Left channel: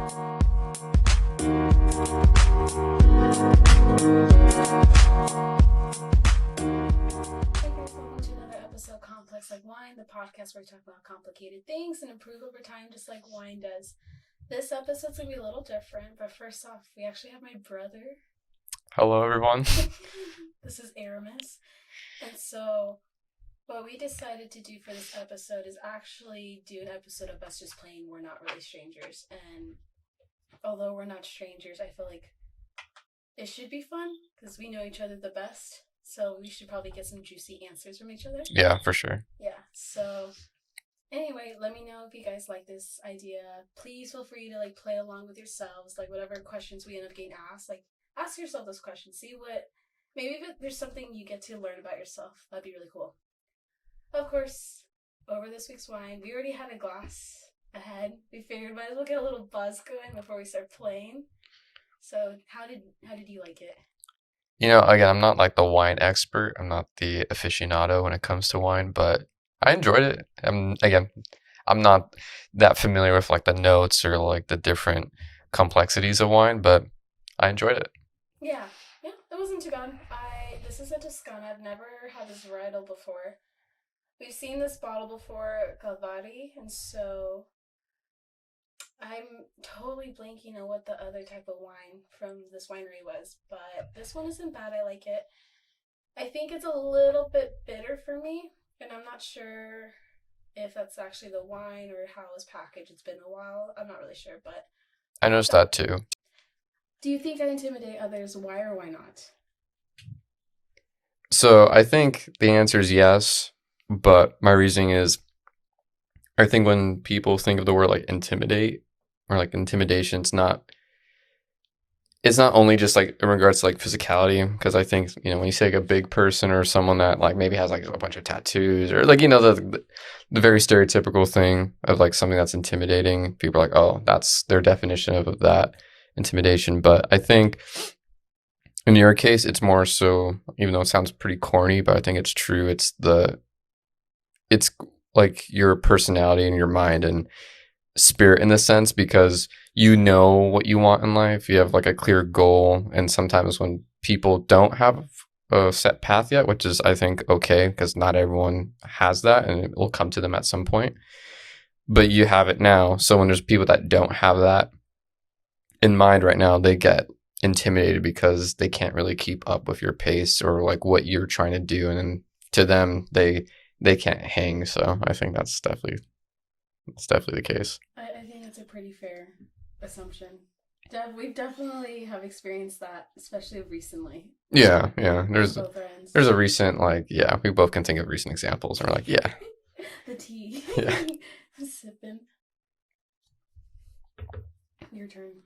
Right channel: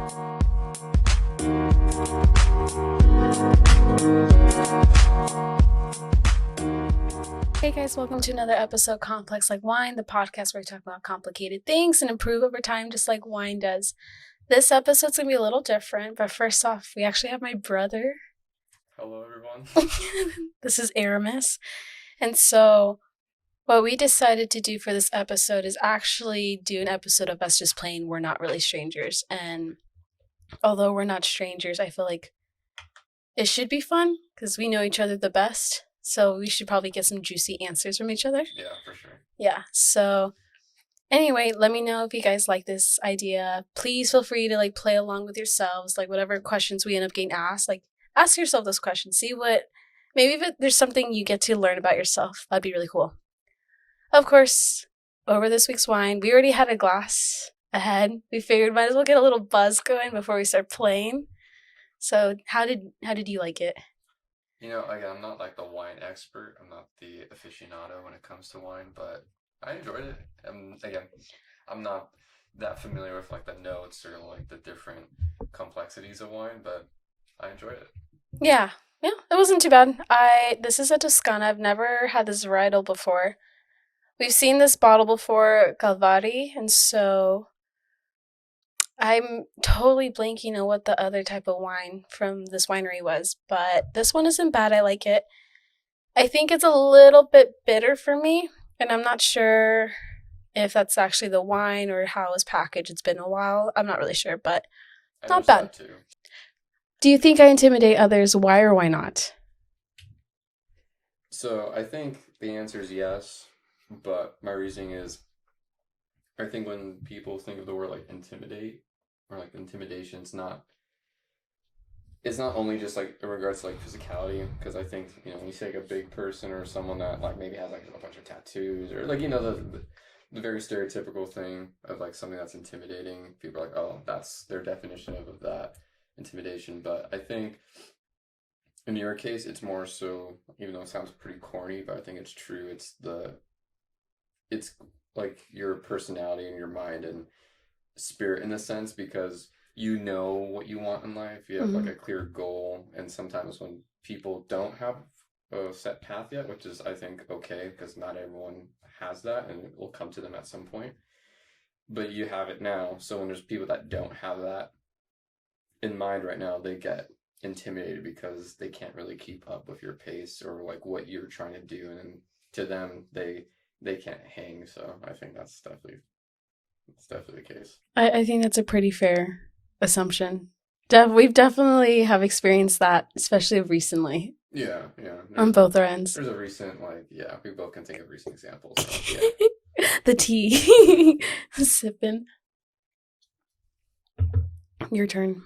Hey guys, welcome to another episode of Complex Like Wine, the podcast where we talk about complicated things and improve over time just like wine does. This episode's going to be a little different, but first off, we actually have my brother. Hello, everyone. This is Aramis. And so what we decided to do for this episode is actually do an episode of us just playing We're Not Really Strangers. And although we're not strangers, I feel like it should be fun because we know each other the best. So we should probably get some juicy answers from each other. Yeah, for sure. Yeah. So anyway, let me know if you guys like this idea. Please feel free to play along with yourselves. Whatever questions we end up getting asked, ask yourself those questions. See what, maybe if there's something you get to learn about yourself. That'd be really cool. Of course, over this week's wine, we already had a glass ahead. We figured might as well get a little buzz going before we start playing. So how did you like it? Again, I'm not the wine expert. I'm not the aficionado when it comes to wine, but I enjoyed it. I'm not that familiar with the notes or the different complexities of wine, but I enjoyed it. Yeah, it wasn't too bad. This is a Toscana. I've never had this varietal before. We've seen this bottle before, Calvari, and so I'm totally blanking on what the other type of wine from this winery was, but this one isn't bad. I like it. I think it's a little bit bitter for me, and I'm not sure if that's actually the wine or how it was packaged. It's been a while. I'm not really sure, but I noticed that too. Do you think I intimidate others? Why or why not? So I think the answer is yes, but my reasoning is I think when people think of the word intimidate or intimidation, it's not only just in regards to physicality, because I think when you say a big person or someone that maybe has a bunch of tattoos or the very stereotypical thing of something that's intimidating, people are oh, that's their definition of that intimidation. But I think in your case it's more so, even though it sounds pretty corny, but I think it's true, it's your personality and your mind and spirit in the sense, because you know what you want in life. You have a clear goal, and sometimes when people don't have a set path yet, which is I think okay, because not everyone has that and it will come to them at some point, but you have it now. So when there's people that don't have that in mind right now, they get intimidated because they can't really keep up with your pace or what you're trying to do, and to them they can't hang. So I think that's definitely the case. I think that's a pretty fair assumption. We've definitely have experienced that, especially recently. Yeah. On both our ends. There's a recent we both can think of recent examples. We're the tea. Sipping. Your turn.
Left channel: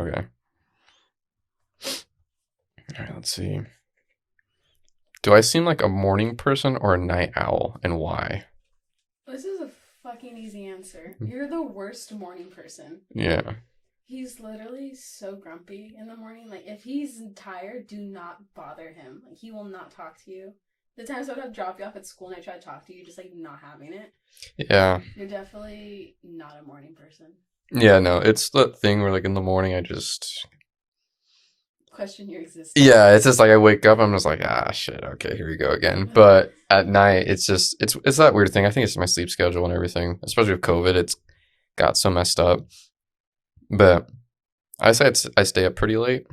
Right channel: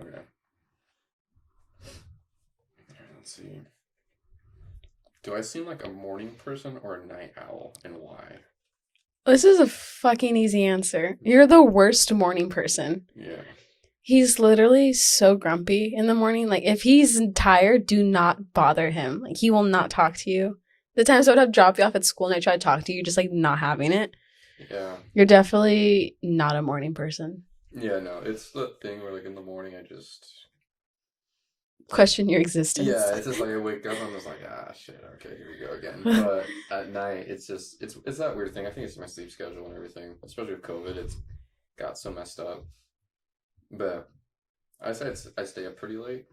Okay. All right, let's see. Do I seem like a morning person or a night owl, and why? This is a fucking easy answer. You're the worst morning person. Yeah. He's literally so grumpy in the morning. If he's tired, do not bother him. He will not talk to you. The times I would have dropped you off at school and I try to talk to you, just not having it. Yeah. You're definitely not a morning person. Yeah, no, it's the thing where in the morning I just question your existence. Yeah, it's just I wake up, I'm just shit, okay, here we go again. But at night, it's just it's that weird thing. I think it's my sleep schedule and everything, especially with COVID. It's got so messed up. But I say I stay up pretty late,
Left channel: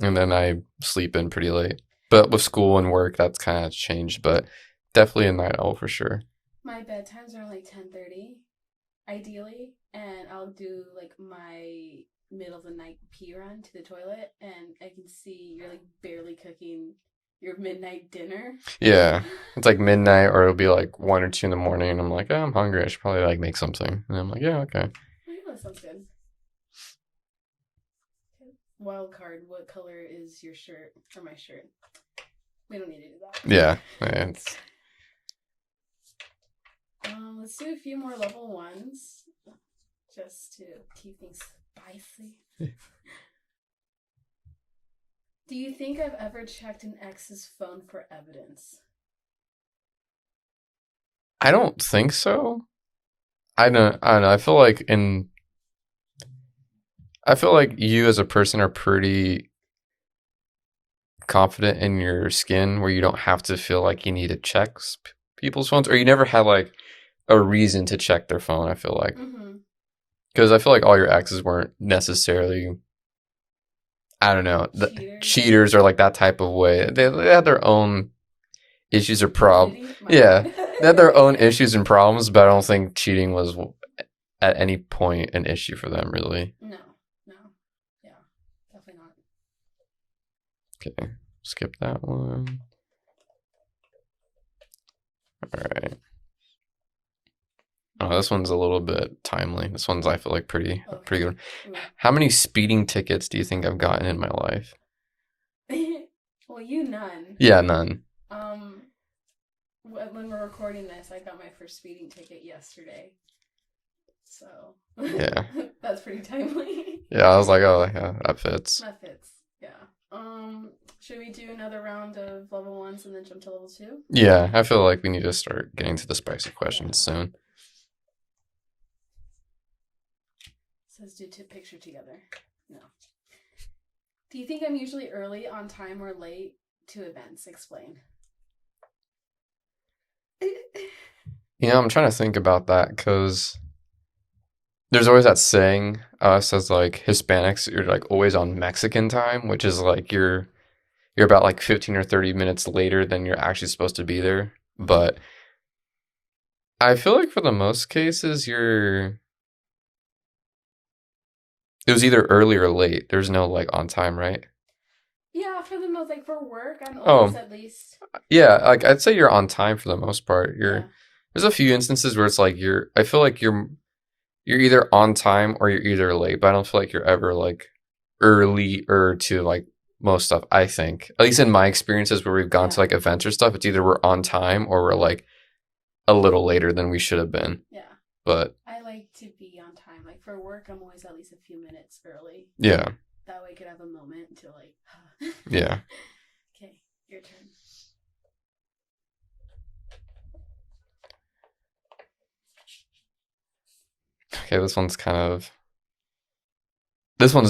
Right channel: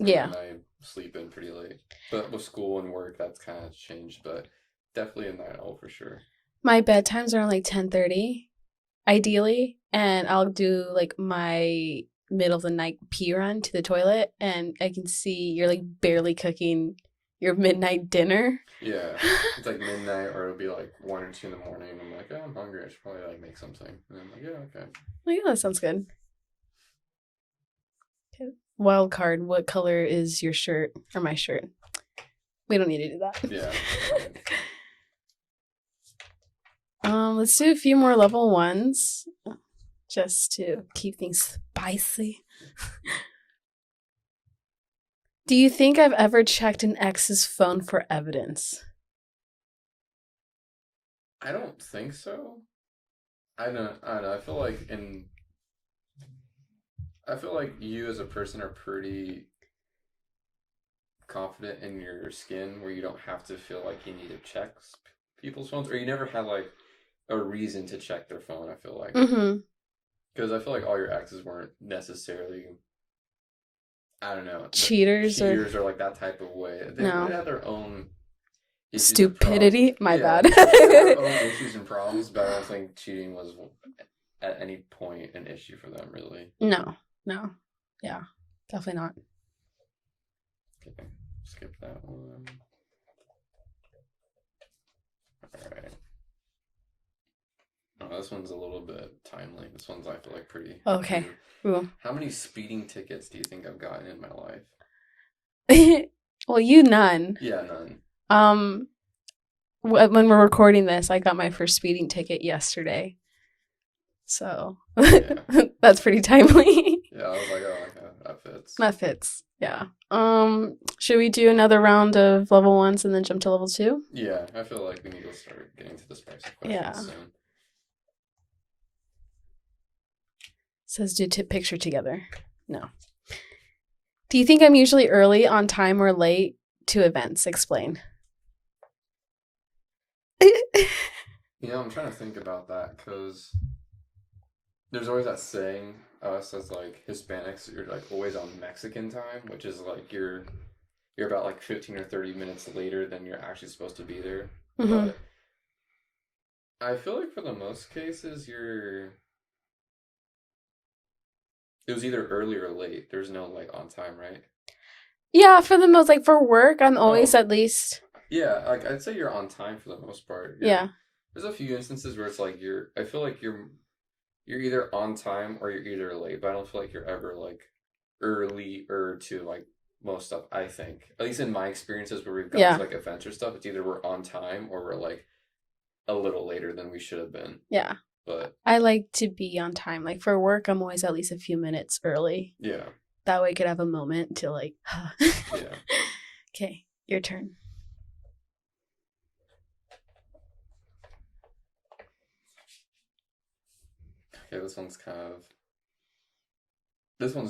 and then I sleep in pretty late. But with school and work, that's kind of changed. But definitely a night owl for sure. My bedtimes are 10:30, ideally, and I'll do my middle of the night pee run to the toilet, and I can see you're barely cooking your midnight dinner. Yeah, it's midnight, or it'll be 1 or 2 in the morning, and I'm oh, I'm hungry. I should probably make something. And I'm yeah, okay. Yeah, that sounds good. Okay. Wild card: what color is your shirt or my shirt? We don't need to do that. Yeah. Right. Let's do a few more level ones, just to keep things spicy. Do you think I've ever checked an ex's phone for evidence? I don't think so. I don't know. I feel I feel like you as a person are pretty confident in your skin where you don't have to feel like you need to check people's phones, or you never had like a reason to check their phone. I feel like Mm-hmm. because I feel like all your exes weren't necessarily, I don't know, Cheaters or cheaters or like that type of way. They no had their own issues or problems. stupidity. My Yeah, bad. they had their own issues and problems, but I don't think cheating was at any point an issue for them, really. No, no, yeah, definitely not. Okay, skip that one. All right. Oh, this one's a little bit timely. This one's, I feel like, pretty Okay. good. Ooh. How many speeding tickets do you think I've gotten in my life? Well, you none. Yeah, none. When we're recording this, I got my first speeding ticket yesterday. So Yeah. that's pretty timely. Yeah, I was like, oh, yeah, that fits. That fits. Yeah. Should we do another round of level 1s and then jump to level 2? Yeah, I feel like we need to start getting to the spicy questions Yeah. soon. Says do picture together. No. Do you think I'm usually early, on time, or late to events? Explain. You know, I'm trying to think about that because there's always that saying us as like Hispanics, you're like always on Mexican time, which is like you're about like 15 or 30 minutes later than you're actually supposed to be there. Mhm. But I feel like for the most cases, it was either early or late. There's no like on time, right? Yeah, for the most, like for work, I'm always Oh. at least. Yeah, like I'd say you're on time for the most part. Yeah. There's a few instances where it's like I feel like you're either on time or you're either late, but I don't feel like you're ever like earlier to like most stuff, I think. At least in my experiences where we've gone Yeah. to like events or stuff, it's either we're on time or we're like a little later than we should have been. Yeah. But I like to be on time. Like for work, I'm always at least a few minutes early. yeah. That way I could have a moment to like. Yeah. Okay, your turn. Okay, this one's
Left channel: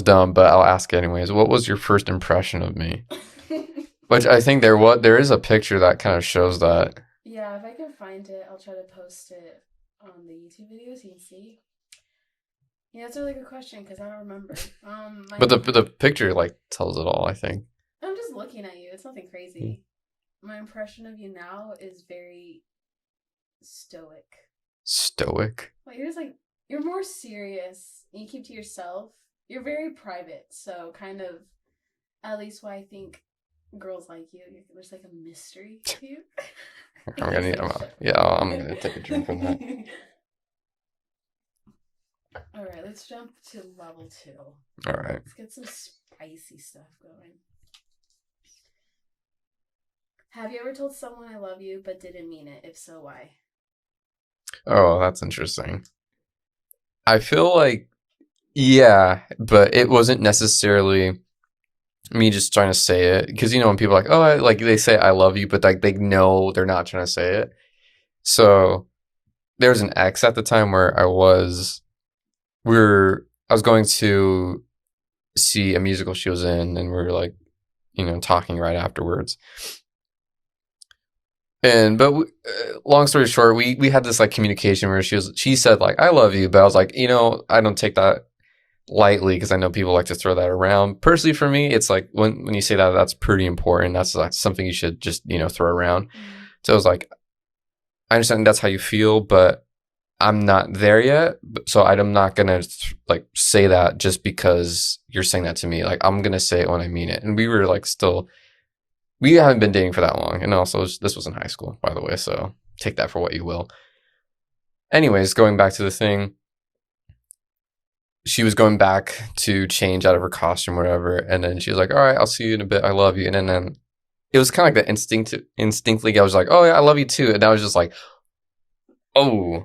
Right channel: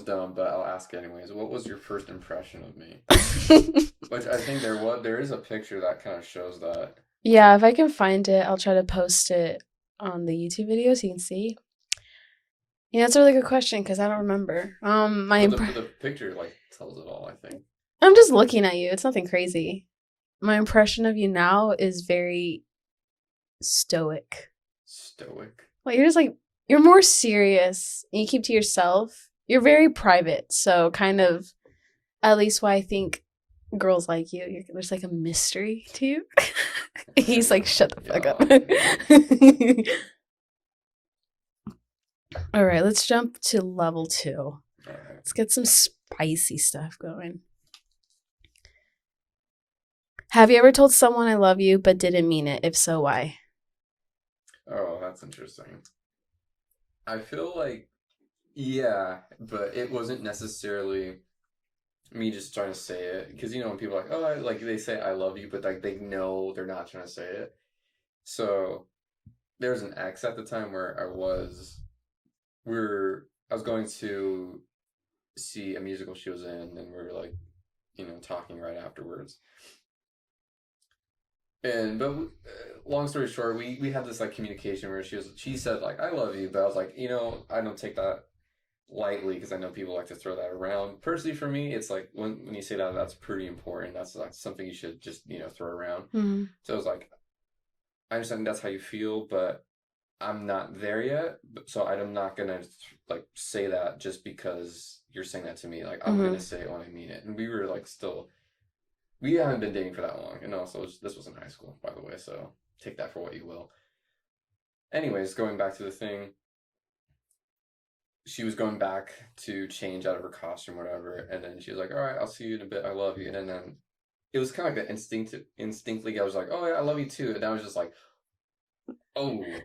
dumb, but I'll ask anyways. What was your first impression of me? Which I think there is a picture that kind of shows that. Yeah, if I can find it, I'll try to post it on the YouTube video so you can see. Yeah, that's a really good question because I don't remember. But the picture like tells it all, I think. I'm just looking at you. It's nothing crazy. My impression of you now is very stoic. Stoic? Like you're more serious and you keep to yourself. You're very private, so kind of at least why I think girls like you. There's like a mystery to you. He's like, shut the fuck up. All right, let's jump to level 2. All right. Let's get some spicy stuff going. Have you ever told someone I love you but didn't mean it? If so, why? Oh, that's interesting. I feel like, yeah, but it wasn't necessarily me just trying to say it. Because, you know, when people are like, oh, like they say I love you, but like they know they're not trying to say it. So there was an ex at the time where I was going to see a musical she was in, and we were like, you know, talking right afterwards. But long story short, we had this like communication where she said like I love you, but I was like, you know, I don't take that lightly because I know people like to throw that around. Personally, for me, it's like when you say that, that's pretty important. That's like something you should just, you know, throw around. Mm-hmm. So I was like, I understand that's how you feel, but I'm not there yet. So I'm not gonna like say that just because you're saying that to me. Like I'm gonna say it when I mean it. And we were like we haven't been dating for that long. And also, this was in high school, by the way, so take that for what you will. Anyways, going back to the thing, she was going back to change out of her costume or whatever, and then she was like, all right, I'll see you in a bit. I love you. And then it was kind of like that instinctively, I was like, oh, yeah, I love you too. And I was just like, oh.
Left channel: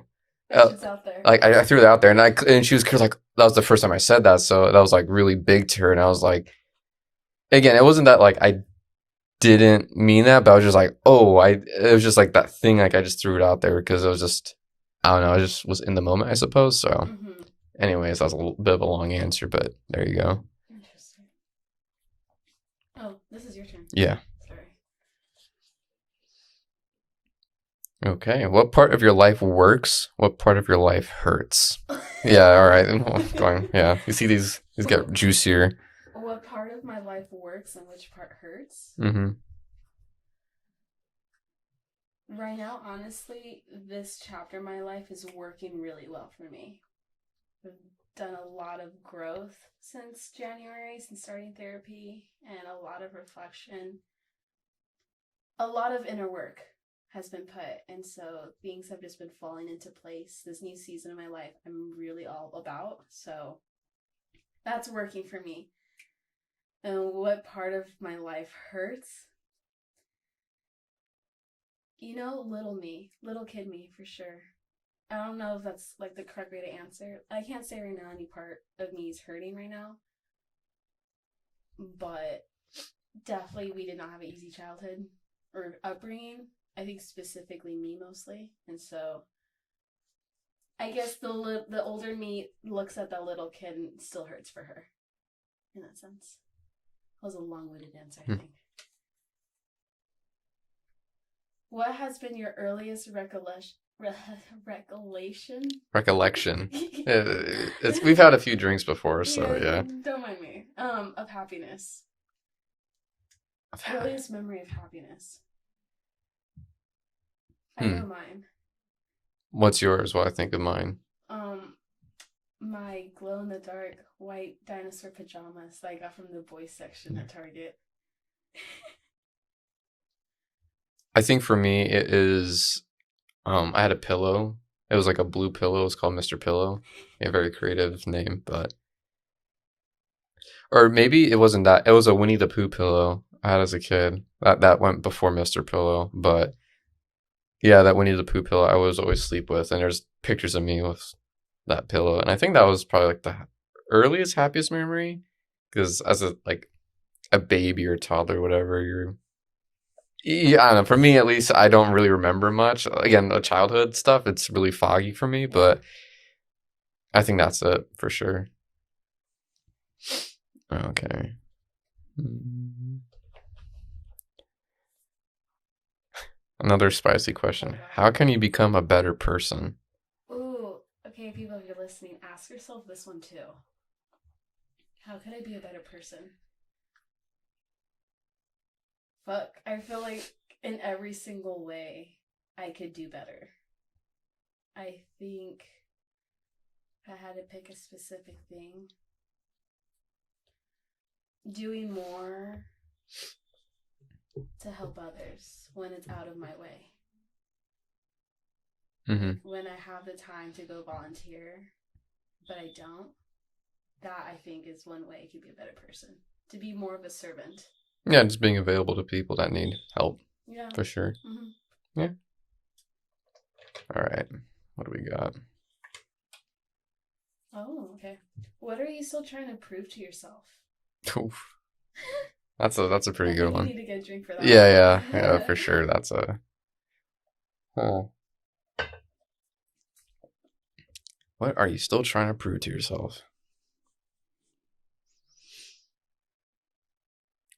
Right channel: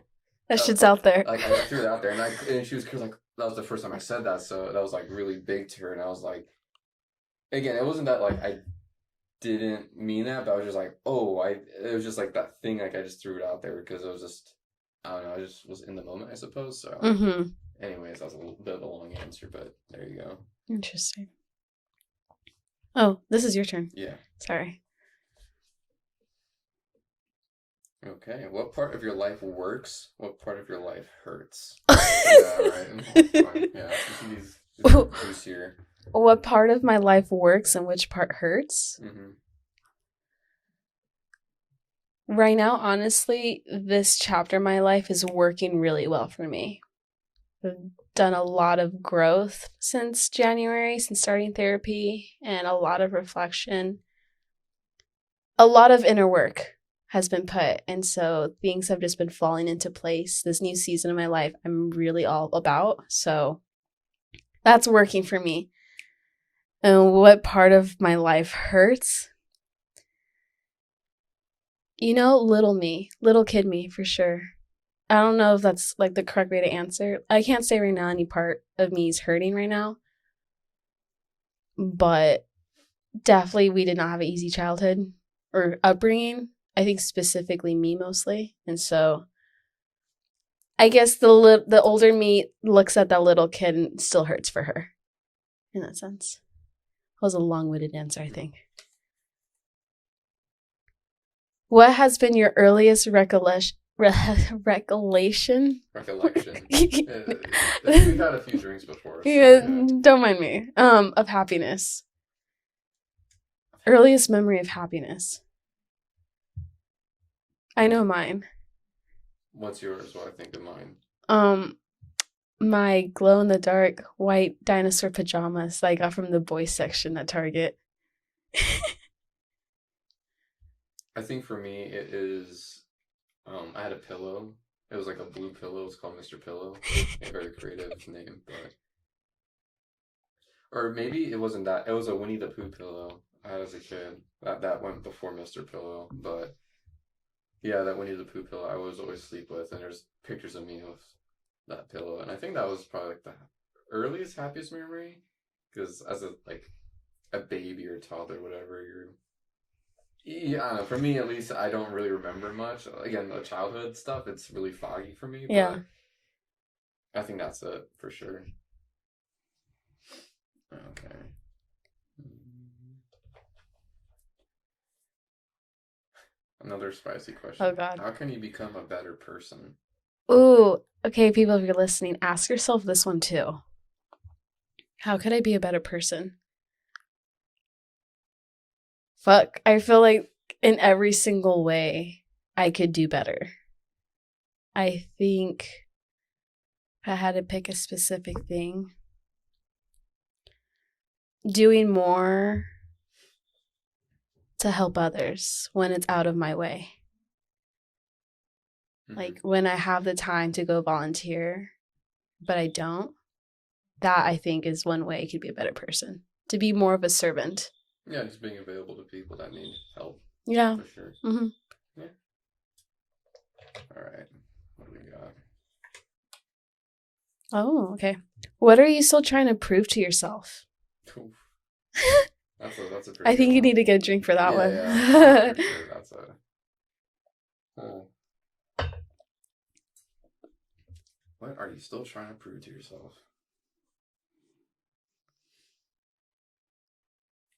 That shit's out there. Like, I threw that out there, and she was like, that was the first time I said that, so that was like really big to her. And I was like, again, it wasn't that like I didn't mean that, but I was just like, oh, it was just like that thing, like I just threw it out there because it was just, I don't know, I just was in the moment, I suppose. So anyways, that was a little bit of a long answer, but there you go. Interesting. Oh, this is your turn. Yeah. Sorry. Okay. What part of your life works? What part of your life hurts? Yeah. All right. Fine. Yeah. You see these get juicier. What part of my life works and which part hurts? Mm-hmm. Right now, honestly, this chapter of my life is working really well for me. I've done a lot of growth since January, since starting therapy, and a lot of reflection. A lot of inner work has been put, and so things have just been falling into place. This new season of my life, I'm really all about, so that's working for me. And what part of my life hurts? You know, little me, little kid me, for sure. I don't know if that's like the correct way to answer. I can't say right now any part of me is hurting right now, but definitely we did not have an easy childhood or upbringing. I think specifically me mostly, and so I guess the older me looks at that little kid and still hurts for her, in that sense. That was a long-winded answer, I think. What has been your earliest recollection? Recollection. We've had a few drinks before, so yeah. Don't mind me. Of happiness. Earliest memory of happiness. I know mine. What's yours? What I think of mine? My glow-in-the-dark white dinosaur pajamas that I got from the boys section at Target. I think for me it is I had a pillow. It was like a blue pillow. It's called Mr. Pillow. A very creative name, but or maybe it wasn't that. It was a Winnie the Pooh pillow I had as a kid. That went before Mr. Pillow, but yeah, that Winnie the Pooh pillow I was always sleep with, and there's pictures of me with that pillow, and I think that was probably like the earliest happiest memory, because as a baby or toddler, whatever, yeah, I don't know. For me, at least, I don't really remember much. Again, the childhood stuff, it's really foggy for me, but I think that's it for sure. Okay. Another spicy question. Oh, God. How can you become a better person? Ooh, okay, people, if you're listening, ask yourself this one too. How could I be a better person? Fuck, I feel like in every single way I could do better. I think if I had to pick a specific thing, doing more to help others when it's out of my way. Like when I have the time to go volunteer, but I don't, that I think is one way I could be a better person. To be more of a servant. Yeah, just being available to people that need help. Yeah. For sure. Mm-hmm. Yeah. All right. What do we got? Oh, okay. What are you still trying to prove to yourself? Oof. That's a pretty good one. I think you need to get a drink for that one. Yeah, for sure. That's a... Oh. What are you still trying to prove to yourself?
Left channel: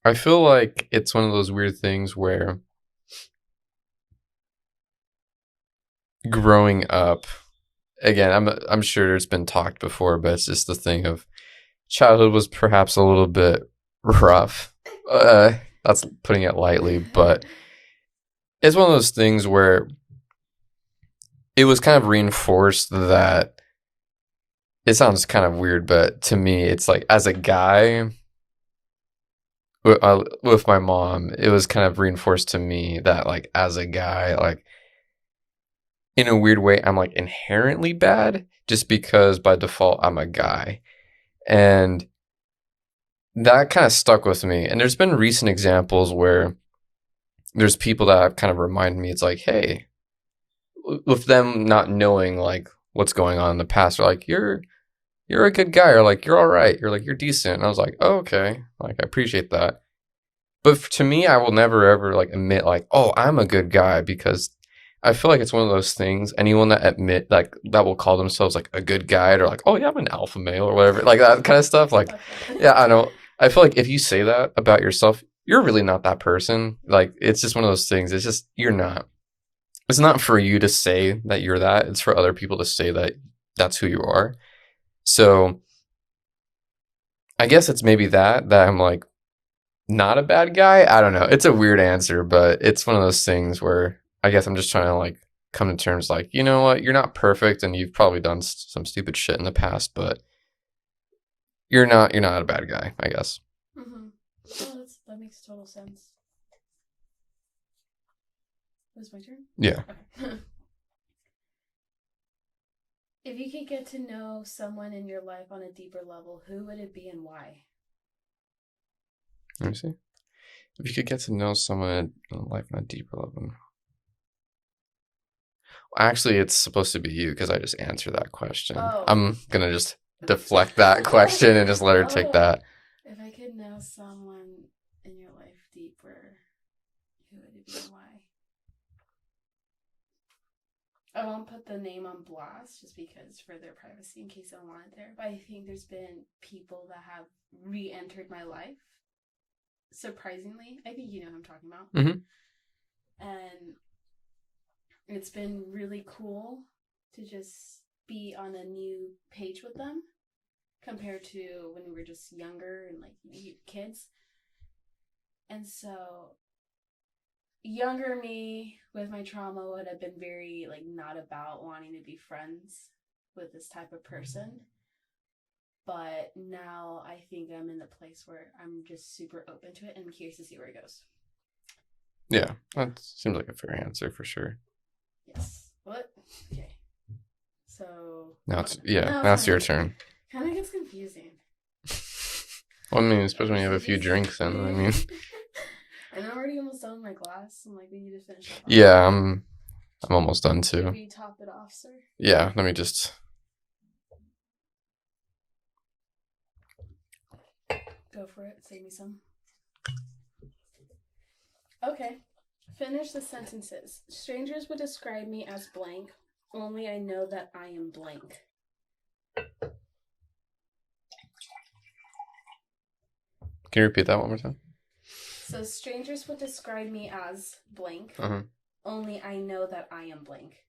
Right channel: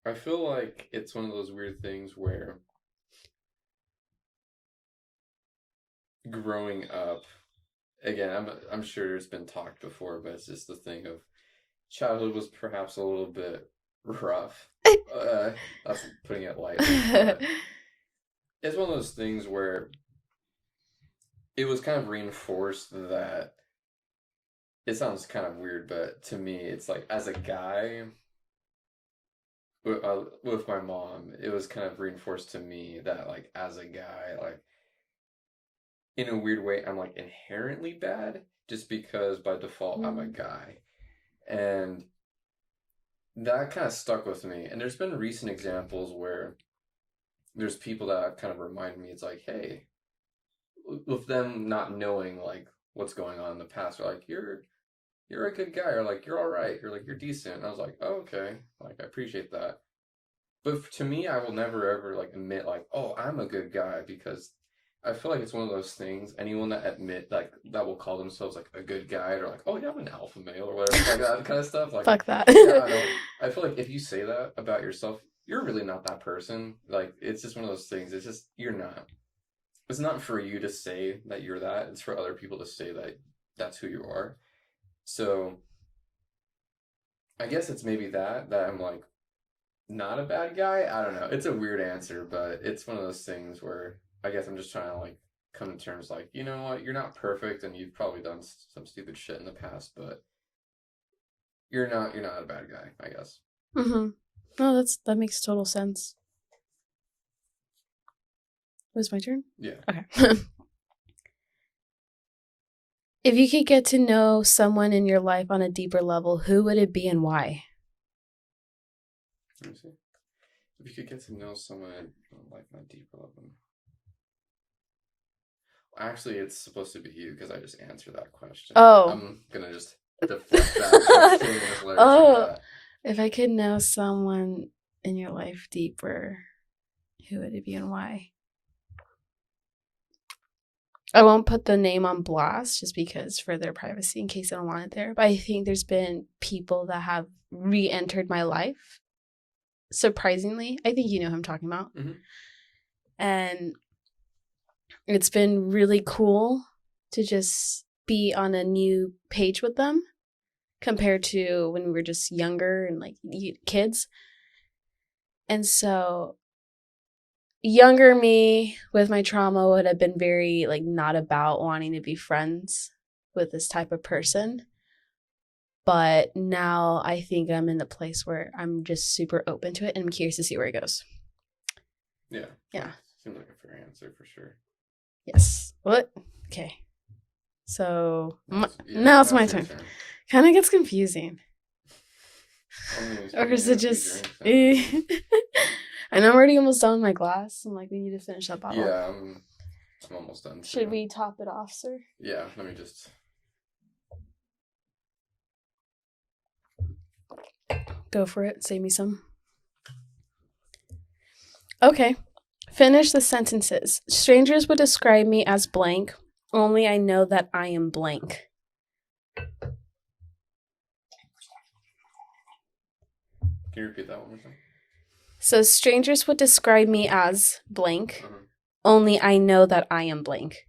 I feel like it's one of those weird things where growing up, again, I'm sure there's been talked before, but it's just the thing of childhood was perhaps a little bit rough. That's putting it lightly, but it's one of those things where it was kind of reinforced that it sounds kind of weird, but to me, it's like as a guy with my mom, it was kind of reinforced to me that like as a guy, like in a weird way, I'm like inherently bad just because by default I'm a guy. And that kind of stuck with me. And there's been recent examples where there's people that have kind of reminded me, it's like, hey, with them not knowing like what's going on in the past, they're like, you're a good guy, or like, you're all right, you're like, you're decent. And I was like, oh, okay, like, I appreciate that. But to me, I will never ever like admit like, oh, I'm a good guy, because I feel like it's one of those things. Anyone that that will call themselves like a good guy or like, oh yeah, I'm an alpha male or whatever, like that kind of stuff. Like, Fuck that. yeah, I know. I feel like if you say that about yourself, you're really not that person. Like, it's just one of those things. It's just you're not. It's not for you to say that you're that. It's for other people to say that that's who you are. So I guess it's maybe that I'm like not a bad guy. I don't know. It's a weird answer, but it's one of those things where I guess I'm just trying to like come to terms like, you know what, you're not perfect and you've probably done some stupid shit in the past, but you're not a bad guy, I guess. Mm-hmm. No, that makes total sense. It was my turn? Yeah. Okay. If you could get to know someone in your life on a deeper level, who would it be and why? Let me see. If you could get to know someone in life on a deeper level. Actually, it's supposed to be you because I just answered that question. Oh. I'm gonna just deflect that question and just let her take that. If I could know someone in your life deeper, who would it be and why? I won't put the name on blast just because for their privacy in case I don't want it there. But I think there's been people that have re-entered my life. Surprisingly, I think you know who I'm talking about. Mm-hmm. And it's been really cool to just be on a new page with them compared to when we were just younger and like kids. And so younger me with my trauma would have been very like not about wanting to be friends with this type of person. But now I think I'm in the place where I'm just super open to it and I'm curious to see where it goes. Yeah. That seems like a fair answer for sure. Yes. What? Okay. So now it's my your turn. Kind of gets confusing. Well, I mean, especially when you have a few drinks. I mean. And I'm already almost done with my glass. I'm like, we need to finish up. Yeah, I'm almost done too. Should we top it off, sir? Yeah, let me just. Go for it. Save me some. Okay. Finish the sentences. Strangers would describe me as blank. Only I know that I am blank. Can you repeat that one more time? So strangers would describe me as blank. Only I know that I am blank.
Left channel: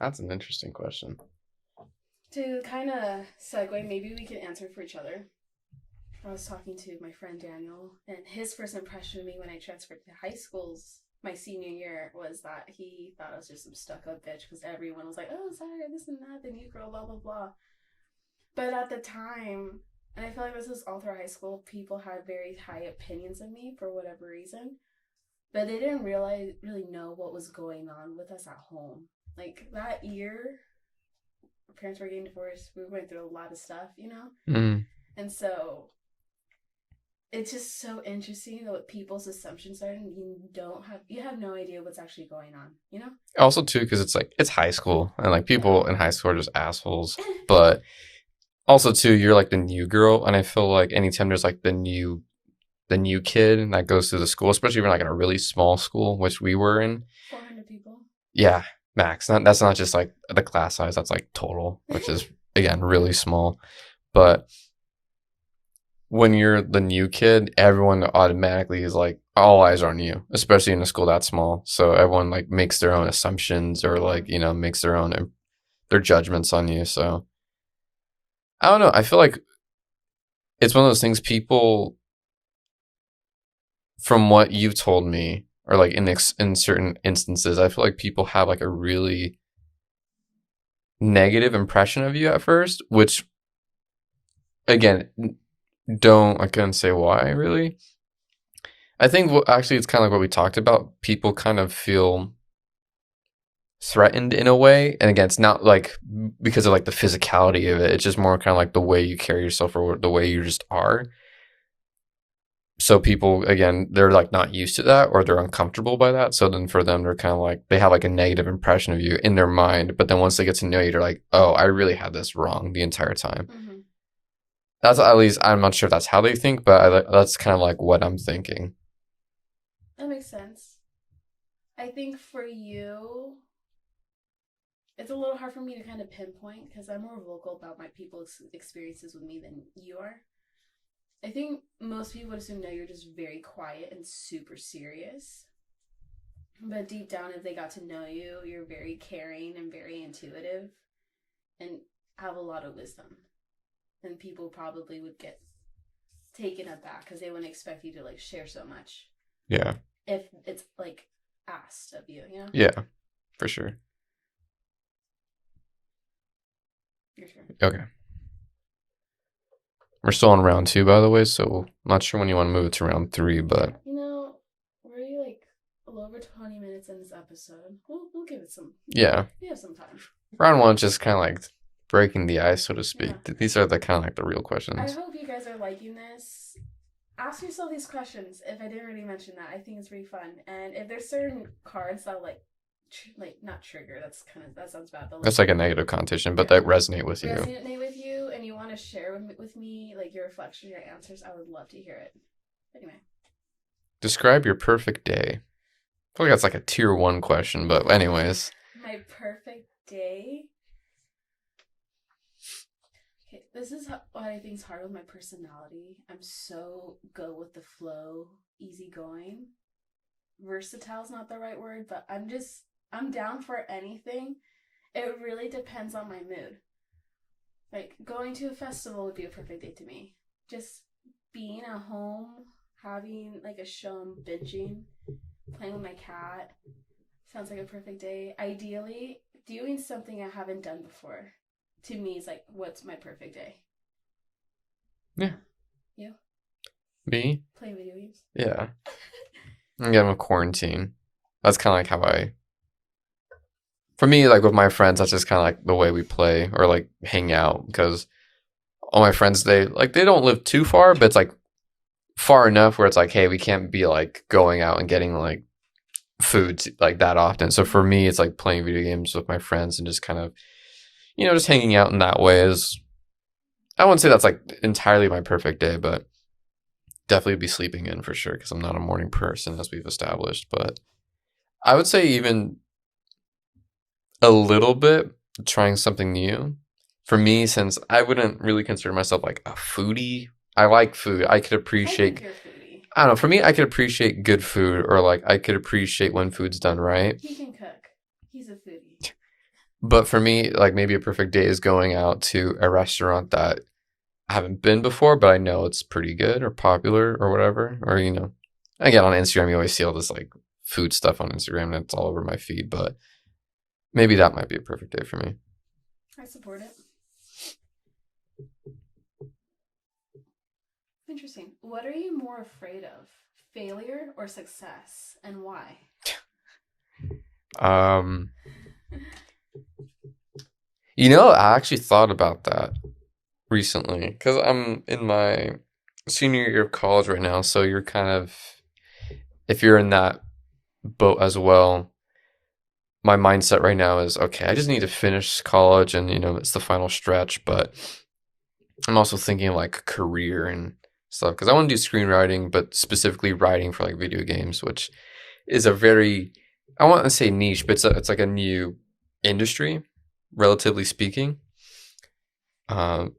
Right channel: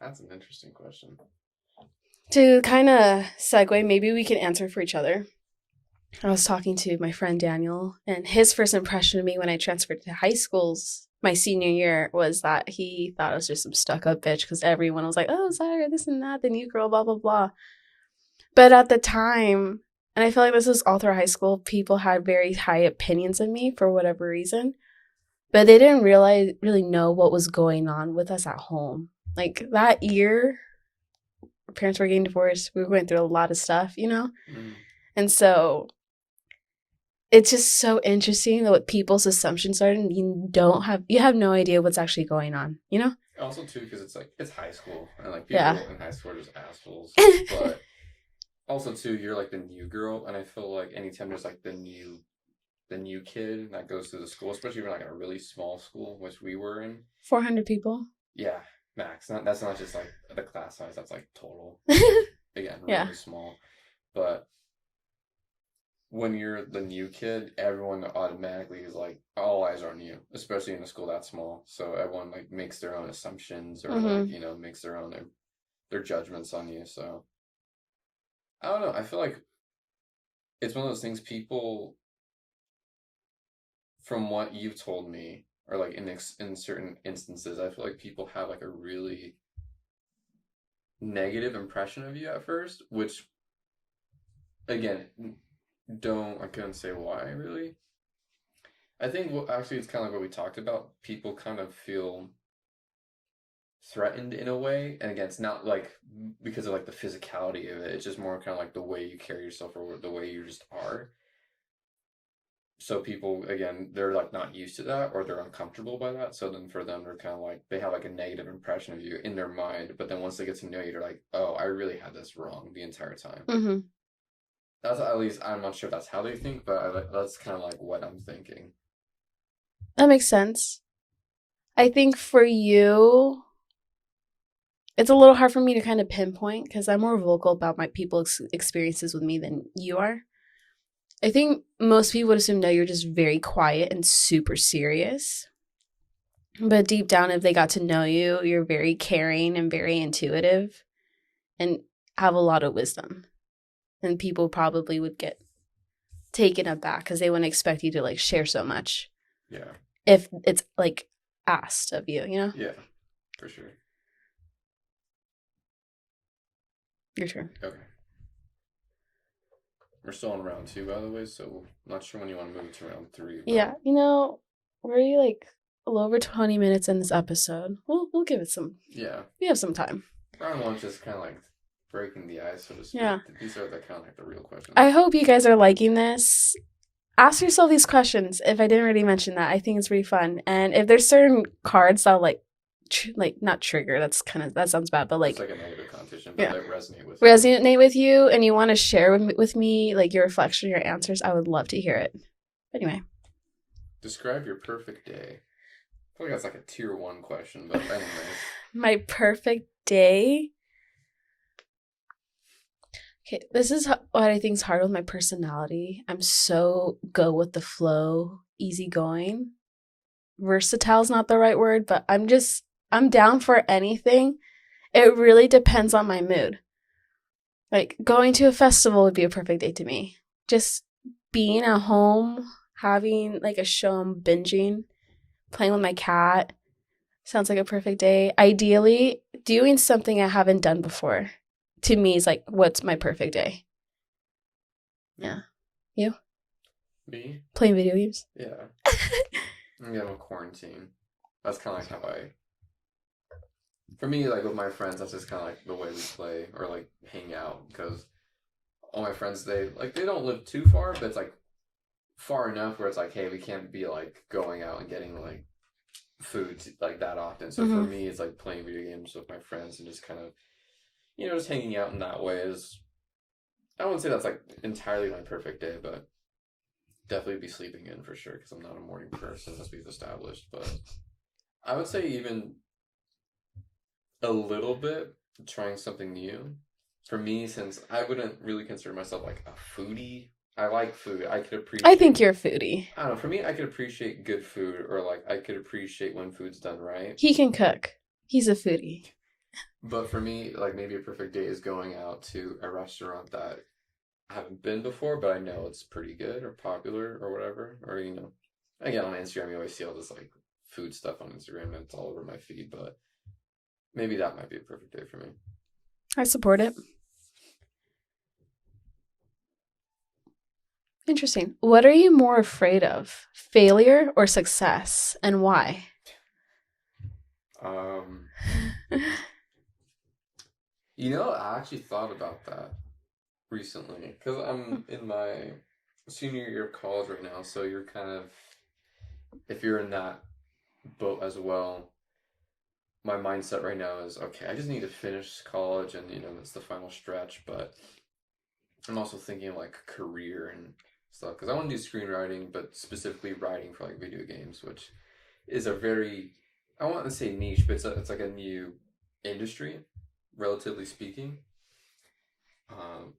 That's an interesting question. To kind of segue, maybe we can answer for each other. I was talking to my friend Daniel, and his first impression of me when I transferred to high schools my senior year was that he thought I was just some stuck-up bitch because everyone was like, oh, Zyra, this and that, the new girl, blah, blah, blah. But at the time, and I feel like this was all through high school, people had very high opinions of me for whatever reason. But they didn't really know what was going on with us at home. Like that year, our parents were getting divorced. We were going through a lot of stuff, you know? Mm. And so it's just so interesting what people's assumptions are, and you have no idea what's actually going on, you know? Also, too, because it's high school, and like people in high school are just assholes. But also, too, you're like the new girl, and I feel like anytime there's like the new kid that goes to the school, especially if you're like in a really small school, which we were in, 400 people. Yeah, max. That's not just like the class size. That's like total, which is again really small. But when you're the new kid, everyone automatically is like, all eyes are on you, especially in a school that small. So everyone like makes their own assumptions or like, you know, makes their judgments on you. So I don't know. I feel like it's one of those things people, from what you've told me, or like in certain instances, I feel like people have like a really negative impression of you at first, which again, I couldn't say why really. I think actually it's kind of like what we talked about. People kind of feel threatened in a way, and again, it's not like because of like the physicality of it. It's just more kind of like the way you carry yourself or the way you just are. So people, again, they're like not used to that or they're uncomfortable by that. So then for them, they're kind of like, they have like a negative impression of you in their mind. But then once they get to know you, they're like, oh, I really had this wrong the entire time. Mm-hmm. That's at least, I'm not sure if that's how they think, but that's kind of like what I'm thinking. That makes sense. I think for you, It's a little hard for me to kind of pinpoint because I'm more vocal about my people's experiences with me than you are. I think most people would assume no, you're just very quiet and super serious. But deep down, if they got to know you, you're very caring and very intuitive and have a lot of wisdom. And people probably would get taken aback because they wouldn't expect you to like share so much Yeah. if it's like asked of you, you know? Yeah, for sure. Your turn. Okay. We're still on round 2, by the way, so I'm not sure when you want to move it to round 3, but Yeah, we're already like a little over 20 minutes in this episode. We'll give it some. yeah. We have some time. Round 1's just kind of like breaking the ice, so to speak. Yeah. These are the kind of like the real questions. I hope you guys are liking this. Ask yourself these questions. If I didn't already mention that, I think it's really fun. And if there's certain cards that like not trigger, that sounds bad, but like It's like a negative connotation, but Yeah. that resonate with you. resonate with you, and you want to share with me like your reflection, your answers, I would love to hear it. Anyway, Describe your perfect day. I feel like that's like a tier 1 question, but anyways. my perfect day. Okay, this is what I think is hard with my personality. I'm so go with the flow, easygoing. Versatile is not the right word, but I'm down for anything. It really depends on my mood. Like going to a festival would be a perfect day to me. Just being at home, having like a show I'm binging, playing with my cat sounds like a perfect day. Ideally, doing something I haven't done before to me is like what's my perfect day. Yeah. You? Me? Playing video games? Yeah. Again, with quarantine. That's kind of like how for me, like with my friends, that's just kind of like the way we play or like hang out, because all my friends, they don't live too far, but it's like far enough where it's like, hey, we can't be like going out and getting like food like that often. So for Mhm. me, it's like playing video games with my friends and just kind of, just hanging out in that way is, I wouldn't say that's like entirely my perfect day, but definitely be sleeping in for sure because I'm not a morning person, as we've established. But I would say even a little bit trying something new. For me, since I wouldn't really consider myself like a foodie, I like food. I could I appreciate. think you're a foodie. I don't know. For me, I could appreciate good food, or like I could appreciate when food's done right. He can cook. He's a foodie. But for me, like maybe a perfect day is going out to a restaurant that I haven't been before, but I know it's pretty good or popular or whatever. Or, again, on Instagram, you always see all this like food stuff on Instagram and it's all over my feed. But maybe that might be a perfect day for me. I support it. Interesting. What are you more afraid of? Failure or success? And why? I actually thought about that recently because I'm in my senior year of college right now. So you're kind of, if you're in that boat as well, my mindset right now is, okay, I just need to finish college and, it's the final stretch. But I'm also thinking of like career and stuff because I want to do screenwriting, but specifically writing for like video games, which is a very, I want to say niche, but it's like a new industry, relatively speaking. And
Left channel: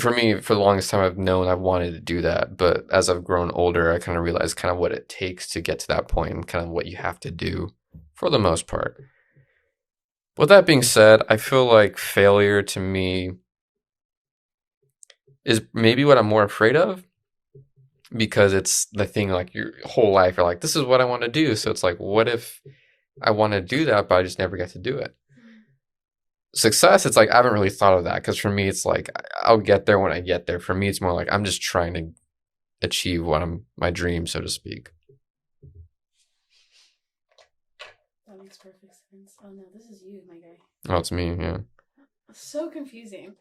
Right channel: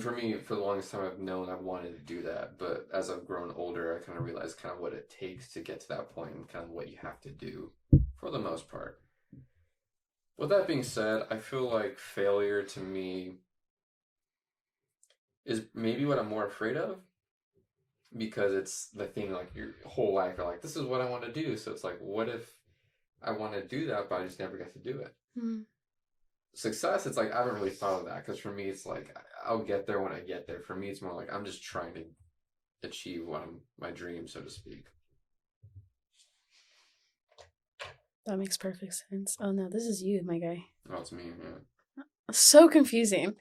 for me, for the longest time, I've known I've wanted to do that. But as I've grown older, I kind of realized kind of what it takes to get to that point and kind of what you have to do for the most part. With that being said, I feel like failure to me is maybe what I'm more afraid of because it's the thing like your whole life. You're like, this is what I want to do. So it's like, what if I want to do that, but I just never get to do it? Mm. Success, it's like I haven't really thought of that because for me, it's like I'll get there when I get there. For me, it's more like I'm just trying to achieve my dream, so to speak. That makes perfect sense. Oh no, this is you, my guy. Oh, it's me, yeah. So confusing.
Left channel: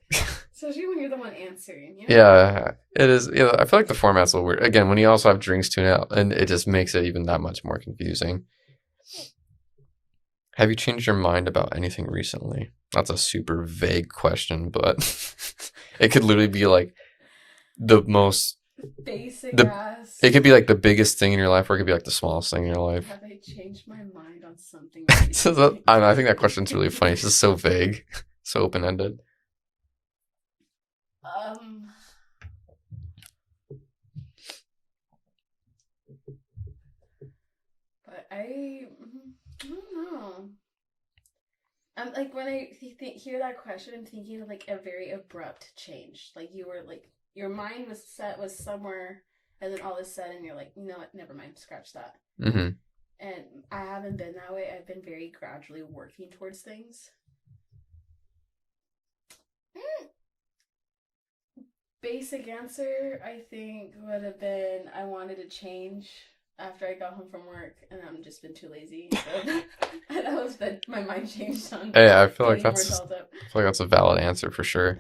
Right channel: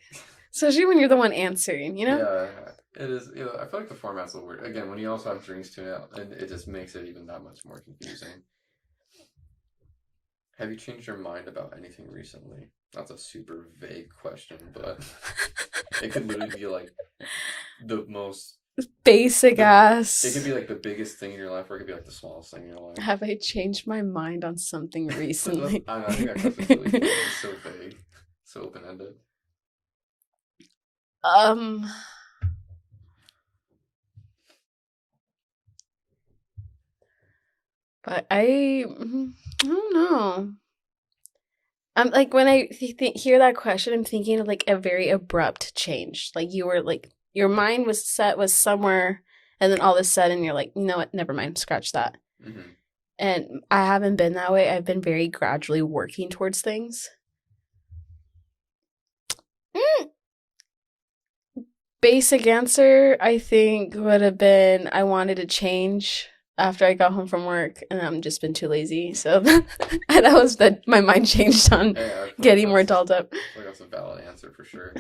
Especially when you're the one answering, Yeah, it is. Yeah, I feel like the format's a little weird. Again, when you also have drinks tune out, and it just makes it even that much more confusing. Have you changed your mind about anything recently? That's a super vague question, but it could literally be like the most Basic ass. It could be like the biggest thing in your life, or it could be like the smallest thing in your life. Have I changed my mind on something I recently? don't know, I think that question's really funny. It's just so vague, so open ended. Um, but I don't know. I'm like when I hear that question, I'm thinking of like a very abrupt change. Like you were like your mind was set was somewhere, and then all of a sudden you're like, you know what? Never mind. Scratch that. Mm-hmm. And I haven't been that way. I've been very gradually working towards things. Mm. Basic answer, I think, would have been I wanted to change after I got home from work, and I've just been too lazy. So that was that my mind changed on Hey, I feel getting like more that's dolled up. I feel like that's a valid answer for sure.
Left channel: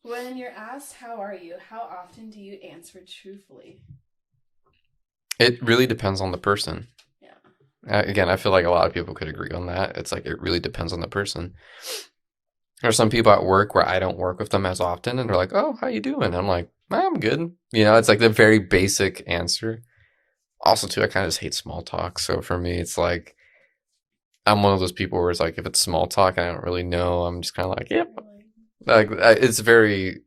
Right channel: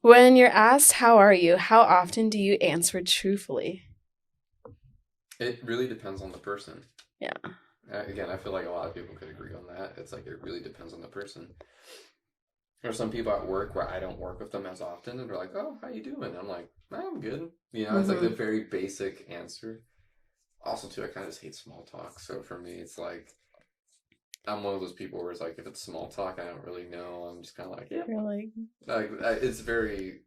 When you're asked, how are you? How often do you answer truthfully? It really depends on the person. Yeah. Again, I feel like a lot of people could agree on that. It's like it really depends on the person. There are some people at work where I don't work with them as often, and they're like, "Oh, how you doing?" I'm like, "I'm good." You know, it's like the very basic answer. Also, too, I kind of just hate small talk. So for me, it's like I'm one of those people where it's like if it's small talk and I don't really know, I'm just kind of like, "Yeah." Like it's very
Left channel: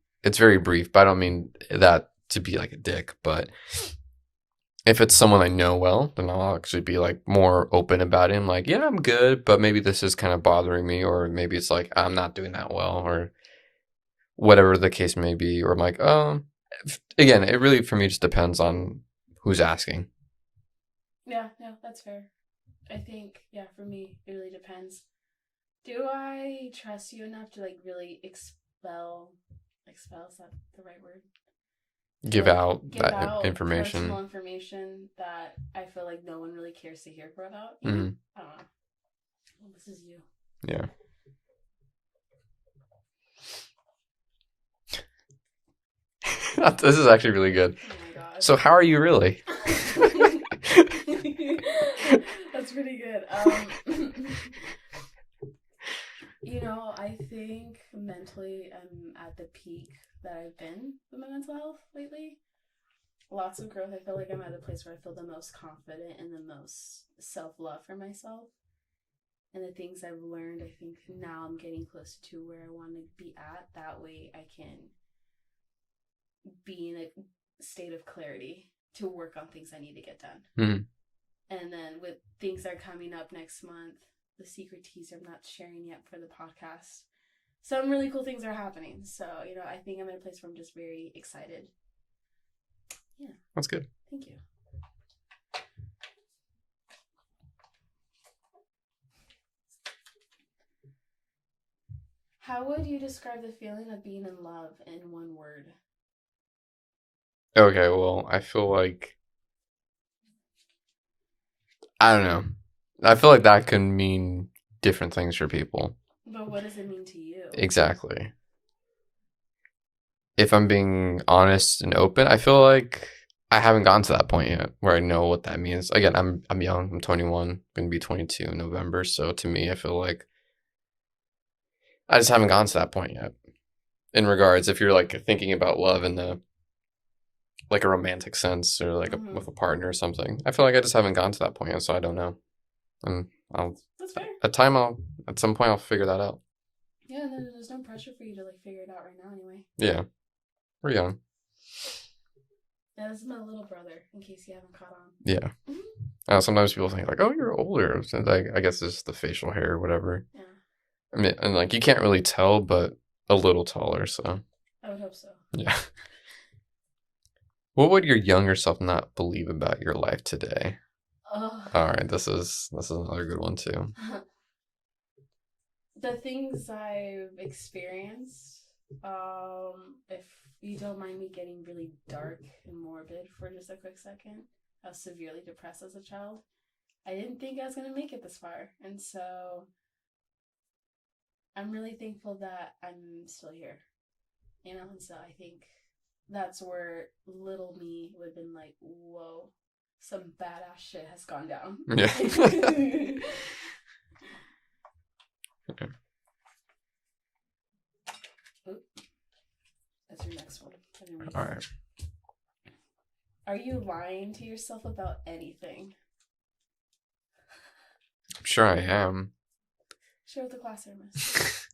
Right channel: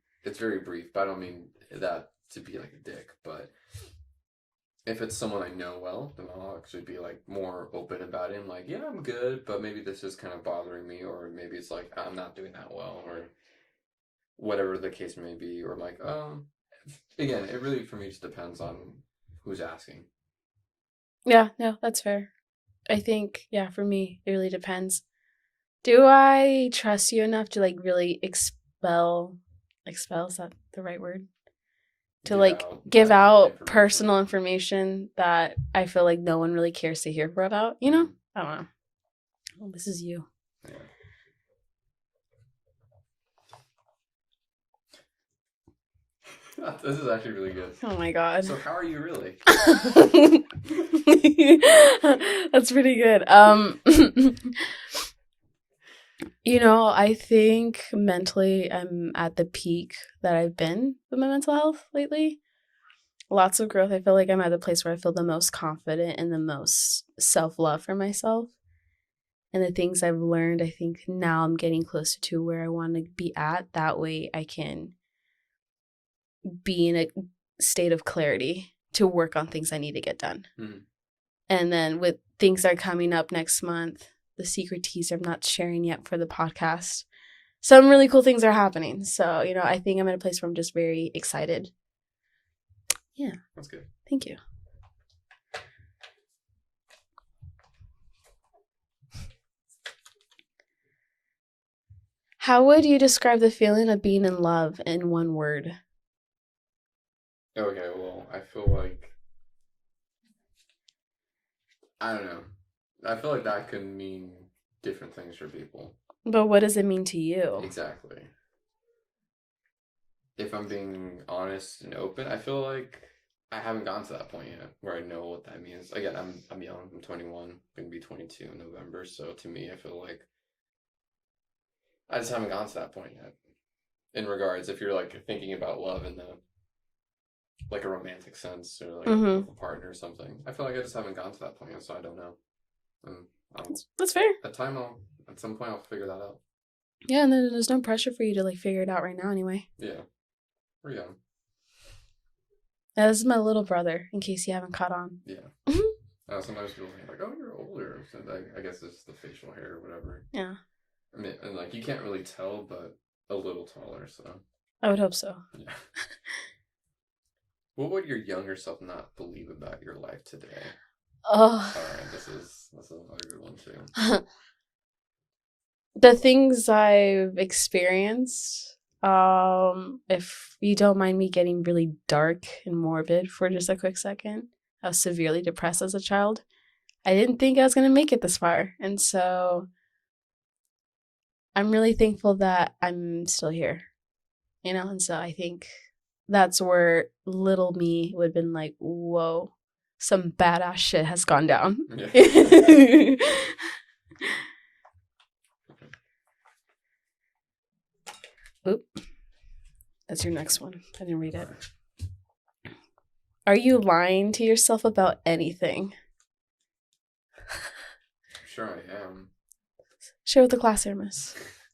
brief, but I don't mean that to be like a dick. But if it's someone I know well, then I'll actually be like more open about it. I'm like, yeah, I'm good, but maybe this is kind of bothering me, or maybe it's like I'm not doing that well, or whatever the case may be. Or I'm like, again, it really for me just depends on who's asking. Yeah, no, that's fair. I think, yeah, for me, it really depends. Do I trust you enough to like really expel, is that the right word? To Give like out give that out personal information. information that I feel like no one really cares to hear about, you know? Mhm. I don't know. Well, this is you. Yeah. This is actually really good. Oh my god. So how are you really? That's pretty good. I think mentally I'm at the peak that I've been with my mental health lately. Lots of growth. I feel like I'm at the place where I feel the most confident and the most self-love for myself. And the things I've learned, I think now I'm getting closer to where I want to be at. That way I can be in a state of clarity to work on things I need to get done. Mm-hmm. And then with things that are coming up next month, the secret teaser I'm not sharing yet for the podcast. Some really cool things are happening. So, I think I'm in a place where I'm just very excited. Yeah. That's good. Thank you. How would you describe the feeling of being in love in one word? Okay, well, I feel like I don't know. I feel like that can mean different things for people. But what does it mean to you? Exactly. If I'm being honest and open, I feel like I haven't gotten to that point yet where I know what that means. Again, I'm young. I'm 21. Going to be 22 in November. So to me, I feel like I just haven't gotten to that point yet. In regards, if you're like thinking about love in the like a romantic sense or like with a partner or something, I feel like I just haven't gotten to that point yet, so I don't know. And that's fair. At some point I'll figure that out. Yeah, and then there's no pressure for you to like figure it out right now anyway. Yeah. We're young. Yeah, this is my little brother, in case you haven't caught on. Yeah. Sometimes people think like, "Oh, you're older." So I guess it's the facial hair or whatever. Yeah. I mean, and like you can't really tell, but a little taller. So I would hope so. yeah. What would your younger self not believe about your life today? Oh. All right, this is another good one too. The things I've experienced, if you don't mind me getting really dark and morbid for just a quick second, I was severely depressed as a child. I didn't think I was going to make it this far. And so I'm really thankful that I'm still here, and so I think that's where little me would have been like, whoa, some badass shit has gone down. Yeah. Oop. That's your next one. I didn't read it. All right. Are you lying to yourself about anything? I'm sure I am. Share with the class, Aramis.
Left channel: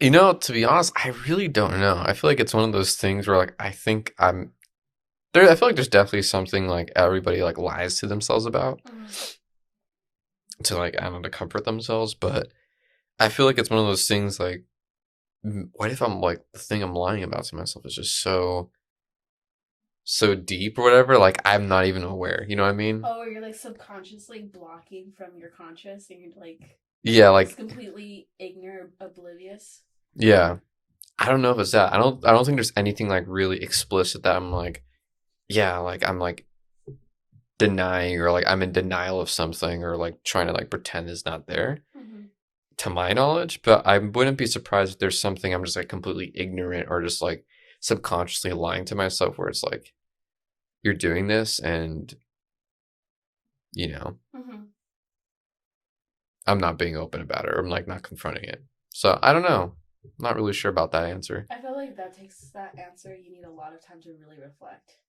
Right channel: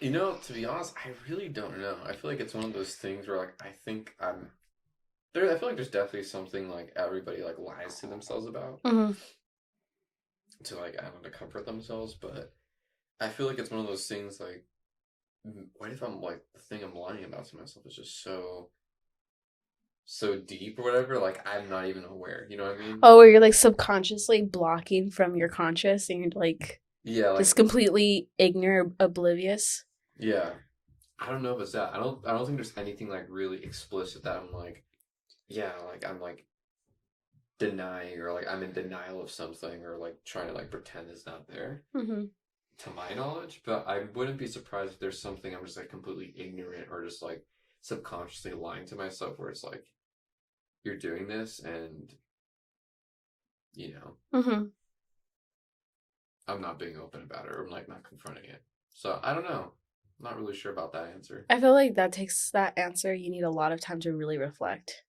You know, to be honest, I really don't know. I feel like it's one of those things where like I think I'm there. I feel like there's definitely something like everybody like lies to themselves about Mm-hmm. to like I don't know to comfort themselves, but I feel like it's one of those things like what if I'm like the thing I'm lying about to myself is just so deep or whatever, like I'm not even aware. You know what I mean? Oh, where you're like subconsciously blocking from your conscious and you're like Yeah, like just completely ignorant, oblivious. yeah. I don't know if it's that. I don't think there's anything like really explicit that I'm like, yeah, like I'm like denying or like I'm in denial of something or like trying to like pretend is not there Mm-hmm. to my knowledge, but I wouldn't be surprised if there's something I'm just like completely ignorant or just like subconsciously lying to myself where it's like you're doing this and you know, Mm-hmm. I'm not being open about it or I'm like not confronting it. So I don't know. I'm not really sure about that answer. I feel like that takes that answer. You need a lot of time to really reflect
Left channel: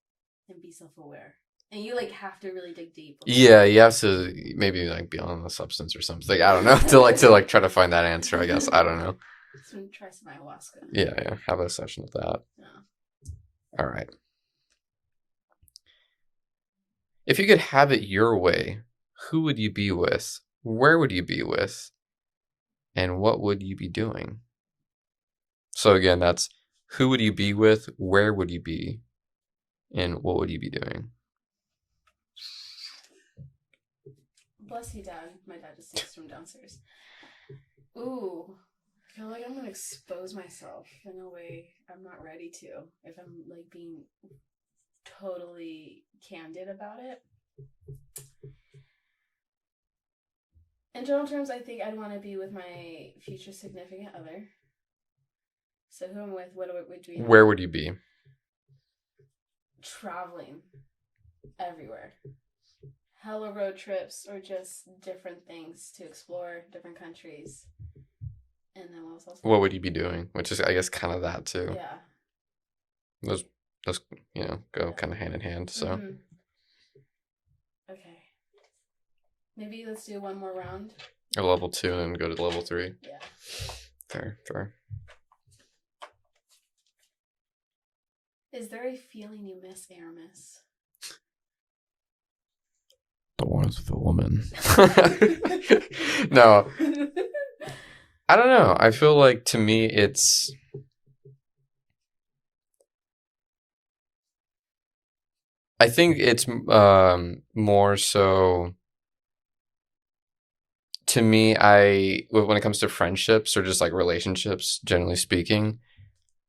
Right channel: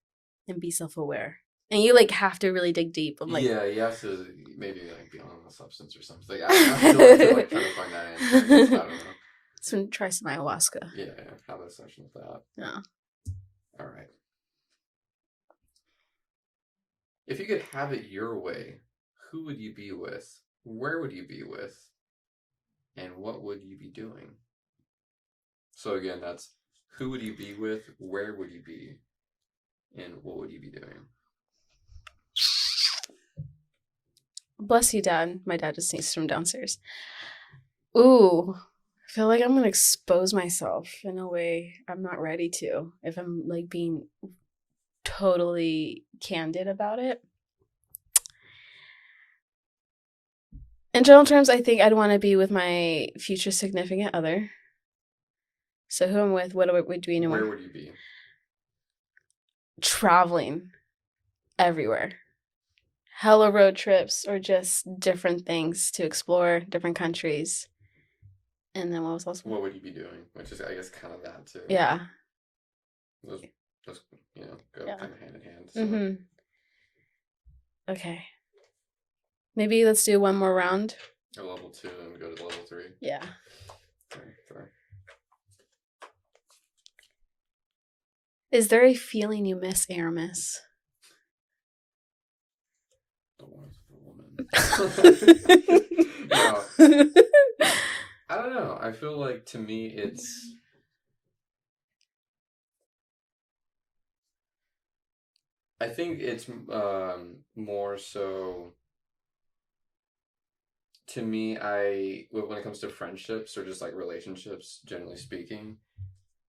and be self-aware. And you like have to really dig deep of like Yeah, you have to maybe like be on the substance or something. I don't know to like try to find that answer. I guess I don't know. so try some ayahuasca. Yeah, have a session with that. Yeah. All right. If you could have it your way, who would you be with? Where would you be with? And what would you be doing? So again, that's who would you be with? Where would you be? And what would you be doing? Bless you, Dad. My dad just sneezed from downstairs. Ooh. I feel like I'm gonna expose myself in a way I'm not ready to if I'm like being totally candid about it. In general terms, I think I'd want to be with my future significant other. So who I'm with, what are we doing? Where would you be? Traveling everywhere. Hella road trips or just different things to explore, different countries. And then what was also? What would you be doing? Which is, I guess, kind of that too. Yeah. Those go Yeah. kind of hand in hand. So Mm-hmm. Okay. Maybe let's do one more round. a level 2 and go to level 3. Yeah. Fair. Is there a feeling you miss, Aramis? The one with the woman. No. I don't know. I feel like to me it's I think it's more so to me when it comes to friendships or just like relationships generally speaking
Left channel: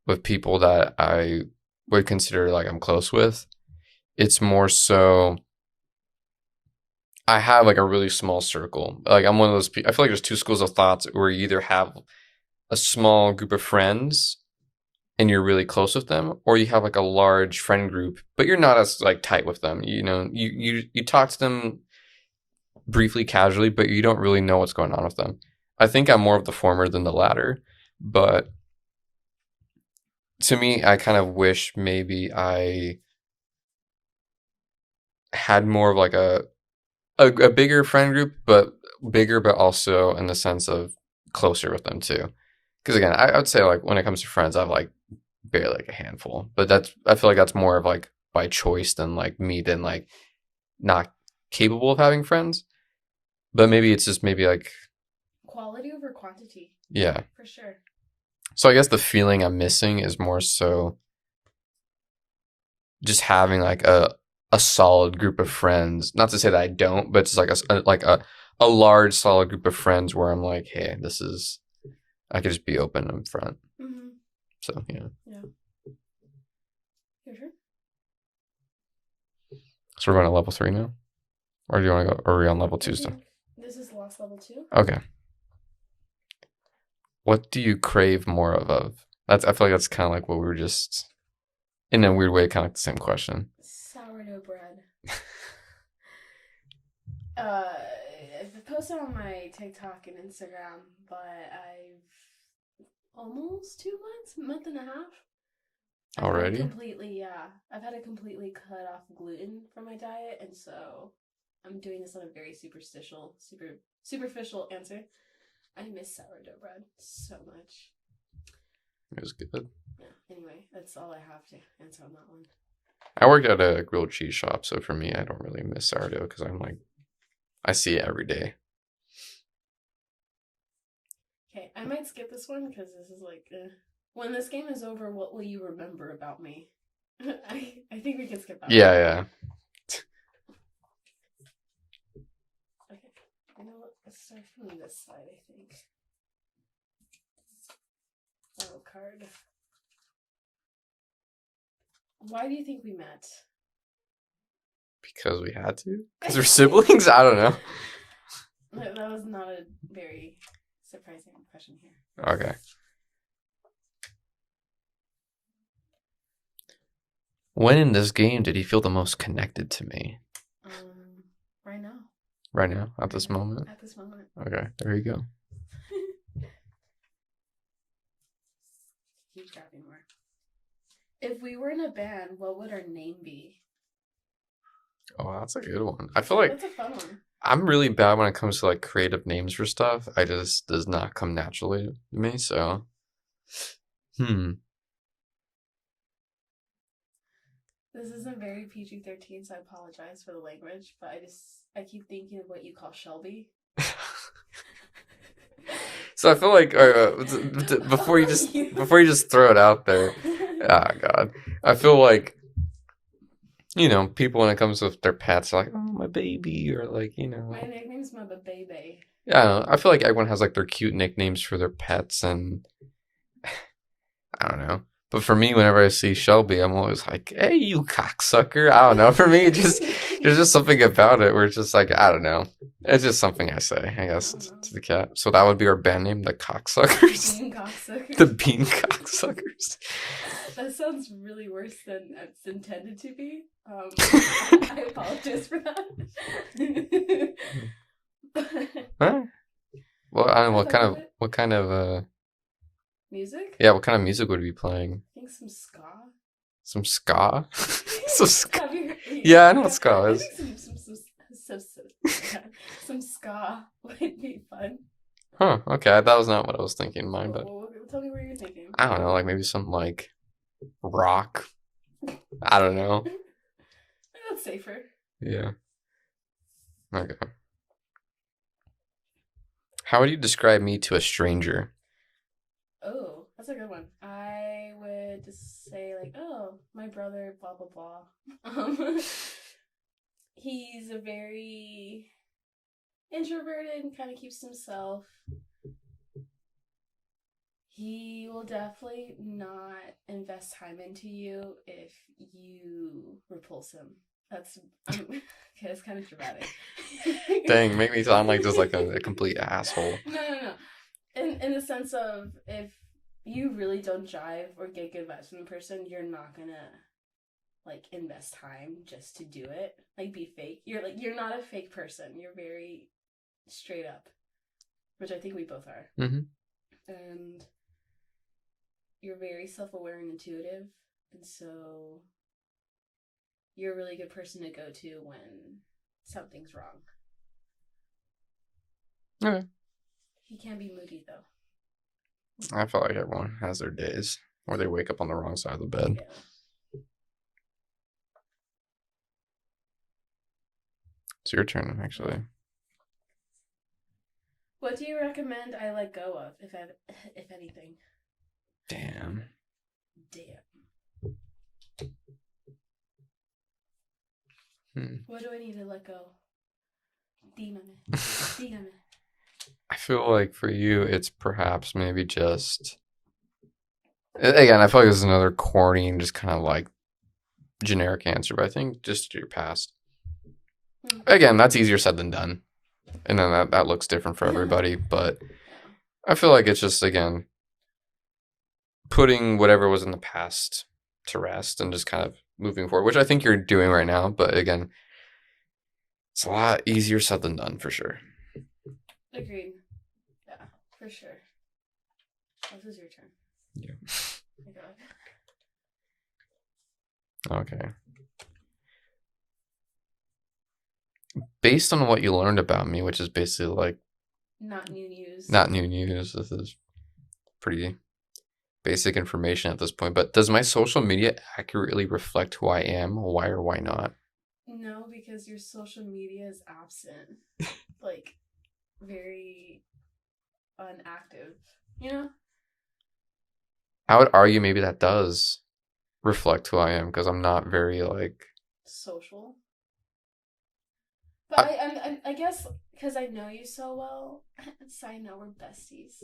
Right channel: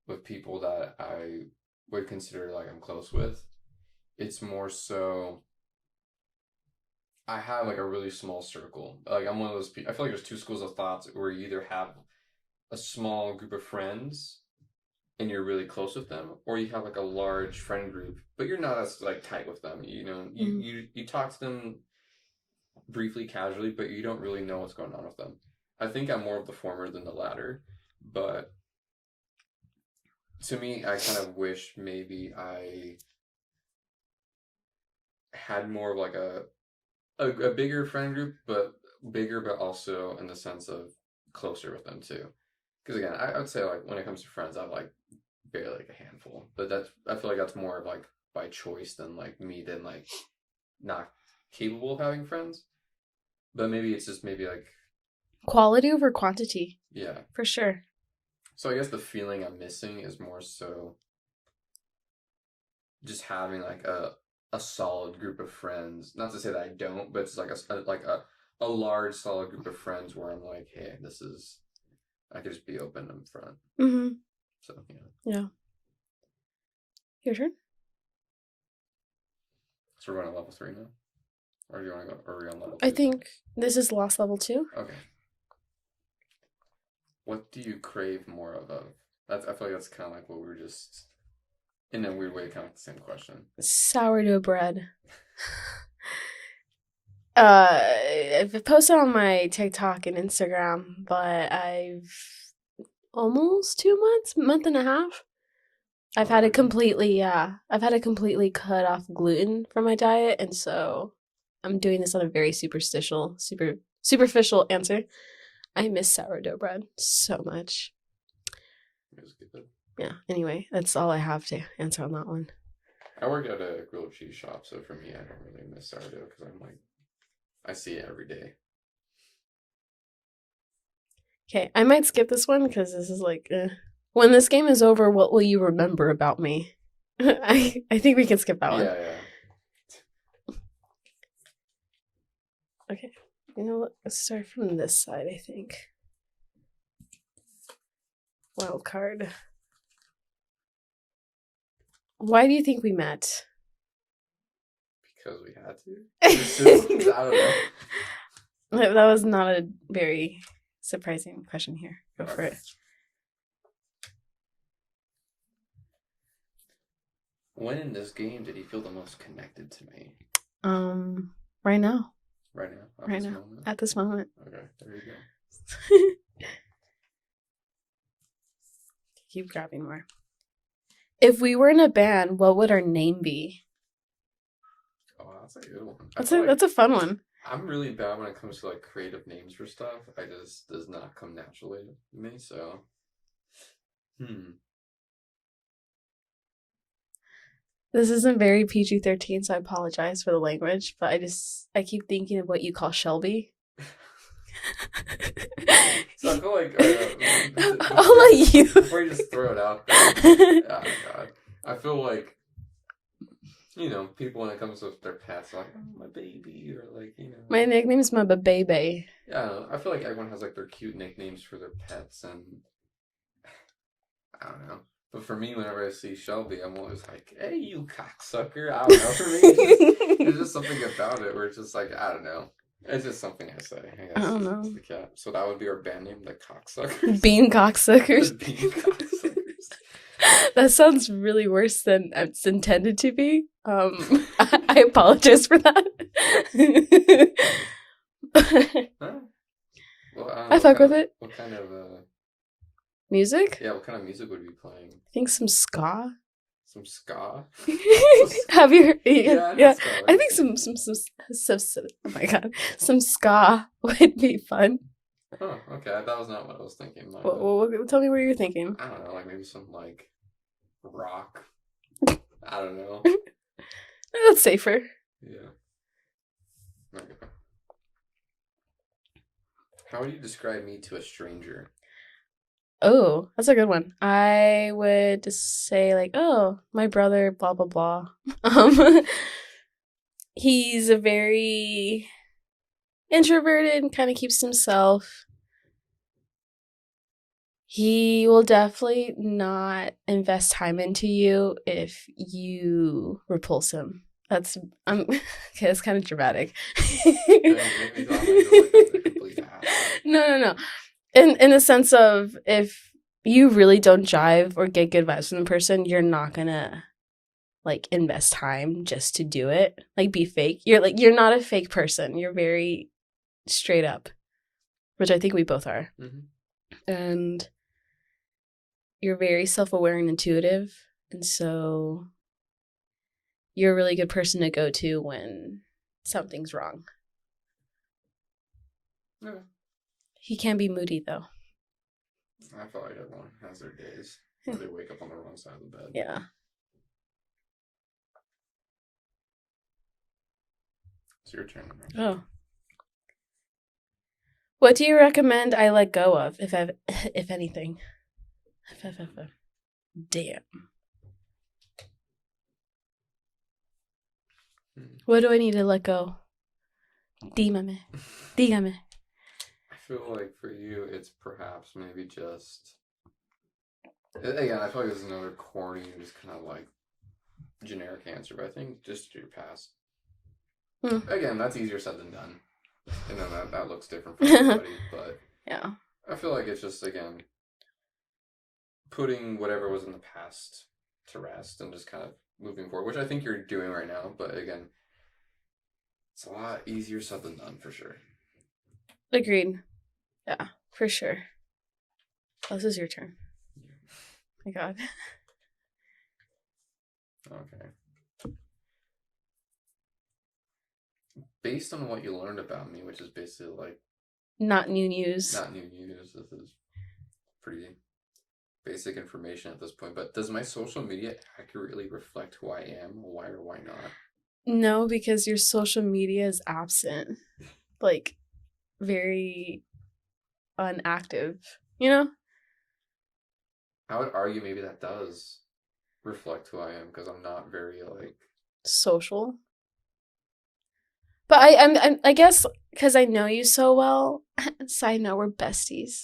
with people that I would consider like I'm close with, it's more so I have like a really small circle. Like I'm one of those people. I feel like there's two schools of thoughts where you either have a small group of friends and you're really close with them, or you have like a large friend group, but you're not as like tight with them. You know, you talk to them briefly, casually, but you don't really know what's going on with them. I think I'm more of the former than the latter, but to me, I kind of wish maybe I had more of like a bigger friend group, but bigger, but also in the sense of closer with them too. Because again, I would say like when it comes to friends, I have like barely like a handful, but I feel like that's more of like by choice than like me than like not capable of having friends. But maybe it's just maybe like Quality over quantity, yeah. for sure. So I guess the feeling I'm missing is more so just having like a solid group of friends. Not to say that I don't, but it's like a large solid group of friends where I'm like, hey, this is I could just be open in front. Mm-hmm. So yeah. Yeah. Your turn. So we're going to level 3 now, or do you want to go? Or are we on level 2 I think this is lost level 2. Okay. What do you crave more of? I feel like that's kind of like what we were just In a weird way, kind of like the same question. Sourdough bread. I've posted on my TikTok and Instagram, but I've almost 2 months, month and a half. I've had to Already? completely, I've had to completely cut off gluten from my diet, and so I'm doing this on a very superficial answer. I miss sourdough bread so much. It was good. Yeah. Anyway, that's all I have to answer on that one. I worked at a grilled cheese shop, so for me, I don't really miss sourdough because I'm like, I see it every day. Okay, I might skip this one because this is like, when this game is over, what will you remember about me? I think we can skip that one. Yeah. Okay, you know what? Let's start from this side, I think. Wild card. Why do you think we met? Because we had to? They're siblings? I don't know. That was not a very surprising question here. Okay. When in this game did he feel the most connected to me? Right now. Right now? At this moment? At this moment. Okay, there you go. Keep grabbing more. If we were in a band, what would our name be? Oh, that's a good one. That's a fun one. I'm really bad when it comes to like creative names for stuff. I just does not come naturally to me, so This isn't very PG-13, so I apologize for the language, but I keep thinking of what you call Shelby. So I feel like before you just throw it out there, oh god, I feel like, you know, people when it comes with their pets are like, oh, my baby, or like, you know, my nickname's my baby. Yeah, I don't know. I feel like everyone has like their cute nicknames for their pets, and I don't know. But for me, whenever I see Shelby, I'm always like, hey, you cocksucker. I don't know. For me, there's just something about it where it's just like, I don't know. It's just something I say, I guess, to the cat. So that would be our band name, the Cocksuckers. Bean Cocksuckers. The Bean Cocksuckers. That sounds really worse than it's intended to be. I apologize for that. Huh? Well, I don't know. What kind of music? Yeah, what kind of music would we be playing? I think some ska. Some ska? Have you heard? Yeah, I know ska. I think some oh my god, some ska would be fun. Huh, okay, that was not what I was thinking. Well, tell me what you're thinking. I don't know, like maybe some like rock. I don't know. That's safer. Yeah. Okay. How would you describe me to a stranger? Oh, that's a good one. I would just say like, oh, my brother, blah blah blah. He's a very introverted and kind of keeps to himself. He will definitely not invest time into you if you repulse him. That's okay. It's kind of dramatic. Dang, make me sound like just like a complete asshole. No. In the sense of if you really don't jive or get good vibes from the person, you're not gonna like invest time just to do it. Like be fake. You're not a fake person. You're very straight up, which I think we both are. Mm-hmm. And you're very self-aware and intuitive, and so you're a really good person to go to when something's wrong. Okay. He can be moody though. I feel like everyone has their days where they wake up on the wrong side of the bed. Yeah. It's your turn, actually. Oh. What do you recommend I let go of, if anything? Damn. What do I need to let go? Dígame. I feel like for you, it's perhaps maybe just... Again, I feel like this is another corny and just kind of like generic answer, but I think just your past. Again, that's easier said than done. And then that looks different for everybody, but yeah, I feel like it's just, again, putting whatever was in the past to rest and just kind of moving forward, which I think you're doing right now. But again, it's a lot easier said than done for sure. Agreed. Yeah, for sure. Oh, this is your turn. Yeah. My God. Okay. Based on what you learned about me, which is basically like Not new news. not new news, this is pretty basic information at this point, but does my social media accurately reflect who I am? Why or why not? No, because your social media is absent. Like, very unactive, you know? I would argue maybe that does reflect who I am because I'm not very like Social. But I guess because I know you so well. Side note, we're besties.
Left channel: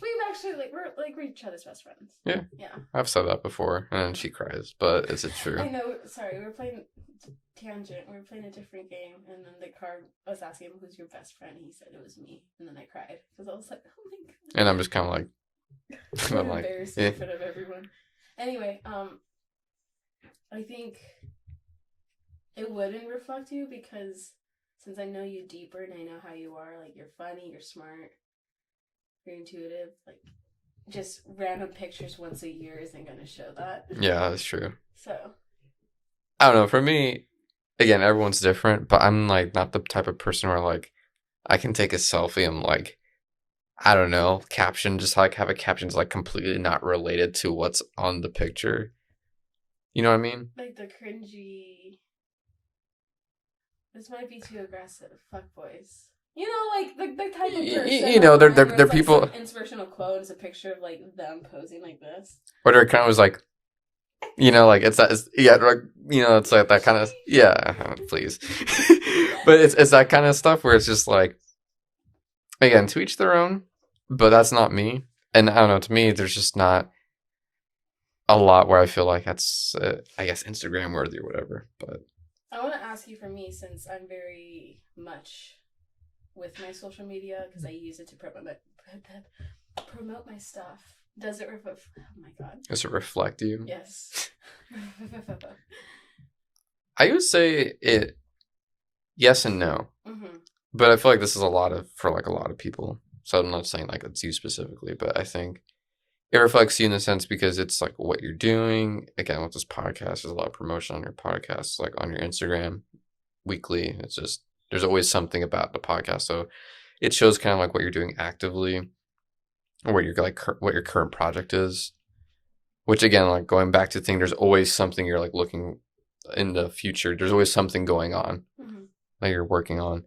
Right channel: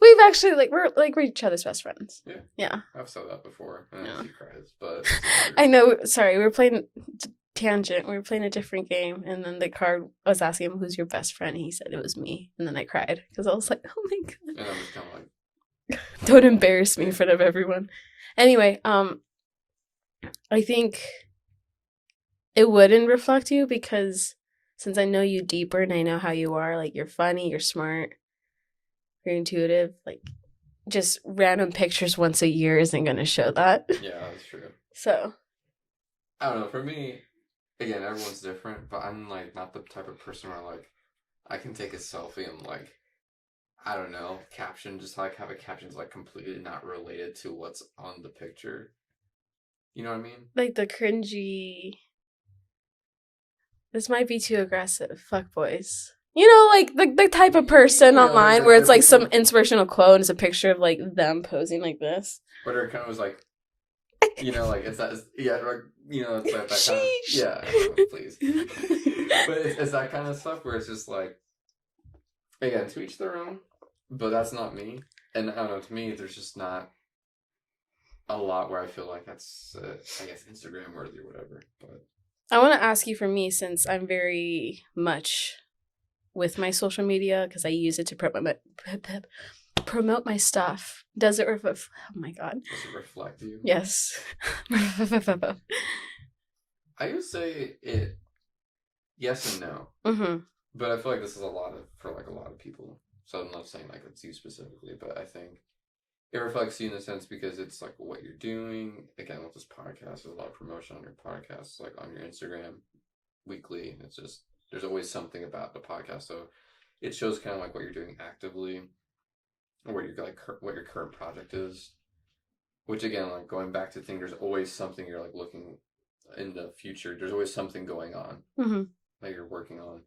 We've actually we're each other's best friends. Yeah. Yeah. I've said that before, and then Yeah. she cries, but it's true. I know. Sorry, we were playing tangent. We were playing a different game, and then the card I was asking him who's your best friend, and he said it was me, and then I cried because I was like, oh my God. And I'm just kind of like, Don't embarrass me yeah. in front of everyone. Anyway, I think it wouldn't reflect you because since I know you deeper and I know how you are, like you're funny, you're smart, you're intuitive, like just random pictures once a year isn't gonna show that. Yeah, that's true. So I don't know. For me, again, everyone's different, but I'm like not the type of person where like I can take a selfie and like I don't know, caption just like have a caption that's like completely not related to what's on the picture. You know what I mean? like the cringy. This might be too aggressive. Fuck boys. You know, like the type of person You know, online where they're it's like people- some inspirational quote and it's a picture of like them posing like this. Or they're kind of was like, you know, like it's that, yeah, like you know, it's like that kind of, yeah, please. But it's that kind of stuff where it's just like, again, to each their own. But that's not me, and I don't know. To me, there's just not a lot where I feel like that's, I guess, Instagram worthy or whatever. But I want to ask you for me since I'm very much with my social media because I use it to promote my stuff. Does it reflect? Oh my God. does it reflect you? Yes. I would say it. Yes and no, Mm-hmm. but I feel like this is for like a lot of people. So I'm not saying like it's you specifically, but I think it reflects you in the sense because it's like what you're doing. Again, with this podcast, there's a lot of promotion on your podcast, like on your Instagram weekly. It's just, there's always something about the podcast. So it shows kind of like what you're doing actively or what what your current project is, which again, like going back to the thing, there's always something you're like looking in the future. There's always something going on Mm-hmm. that you're working on.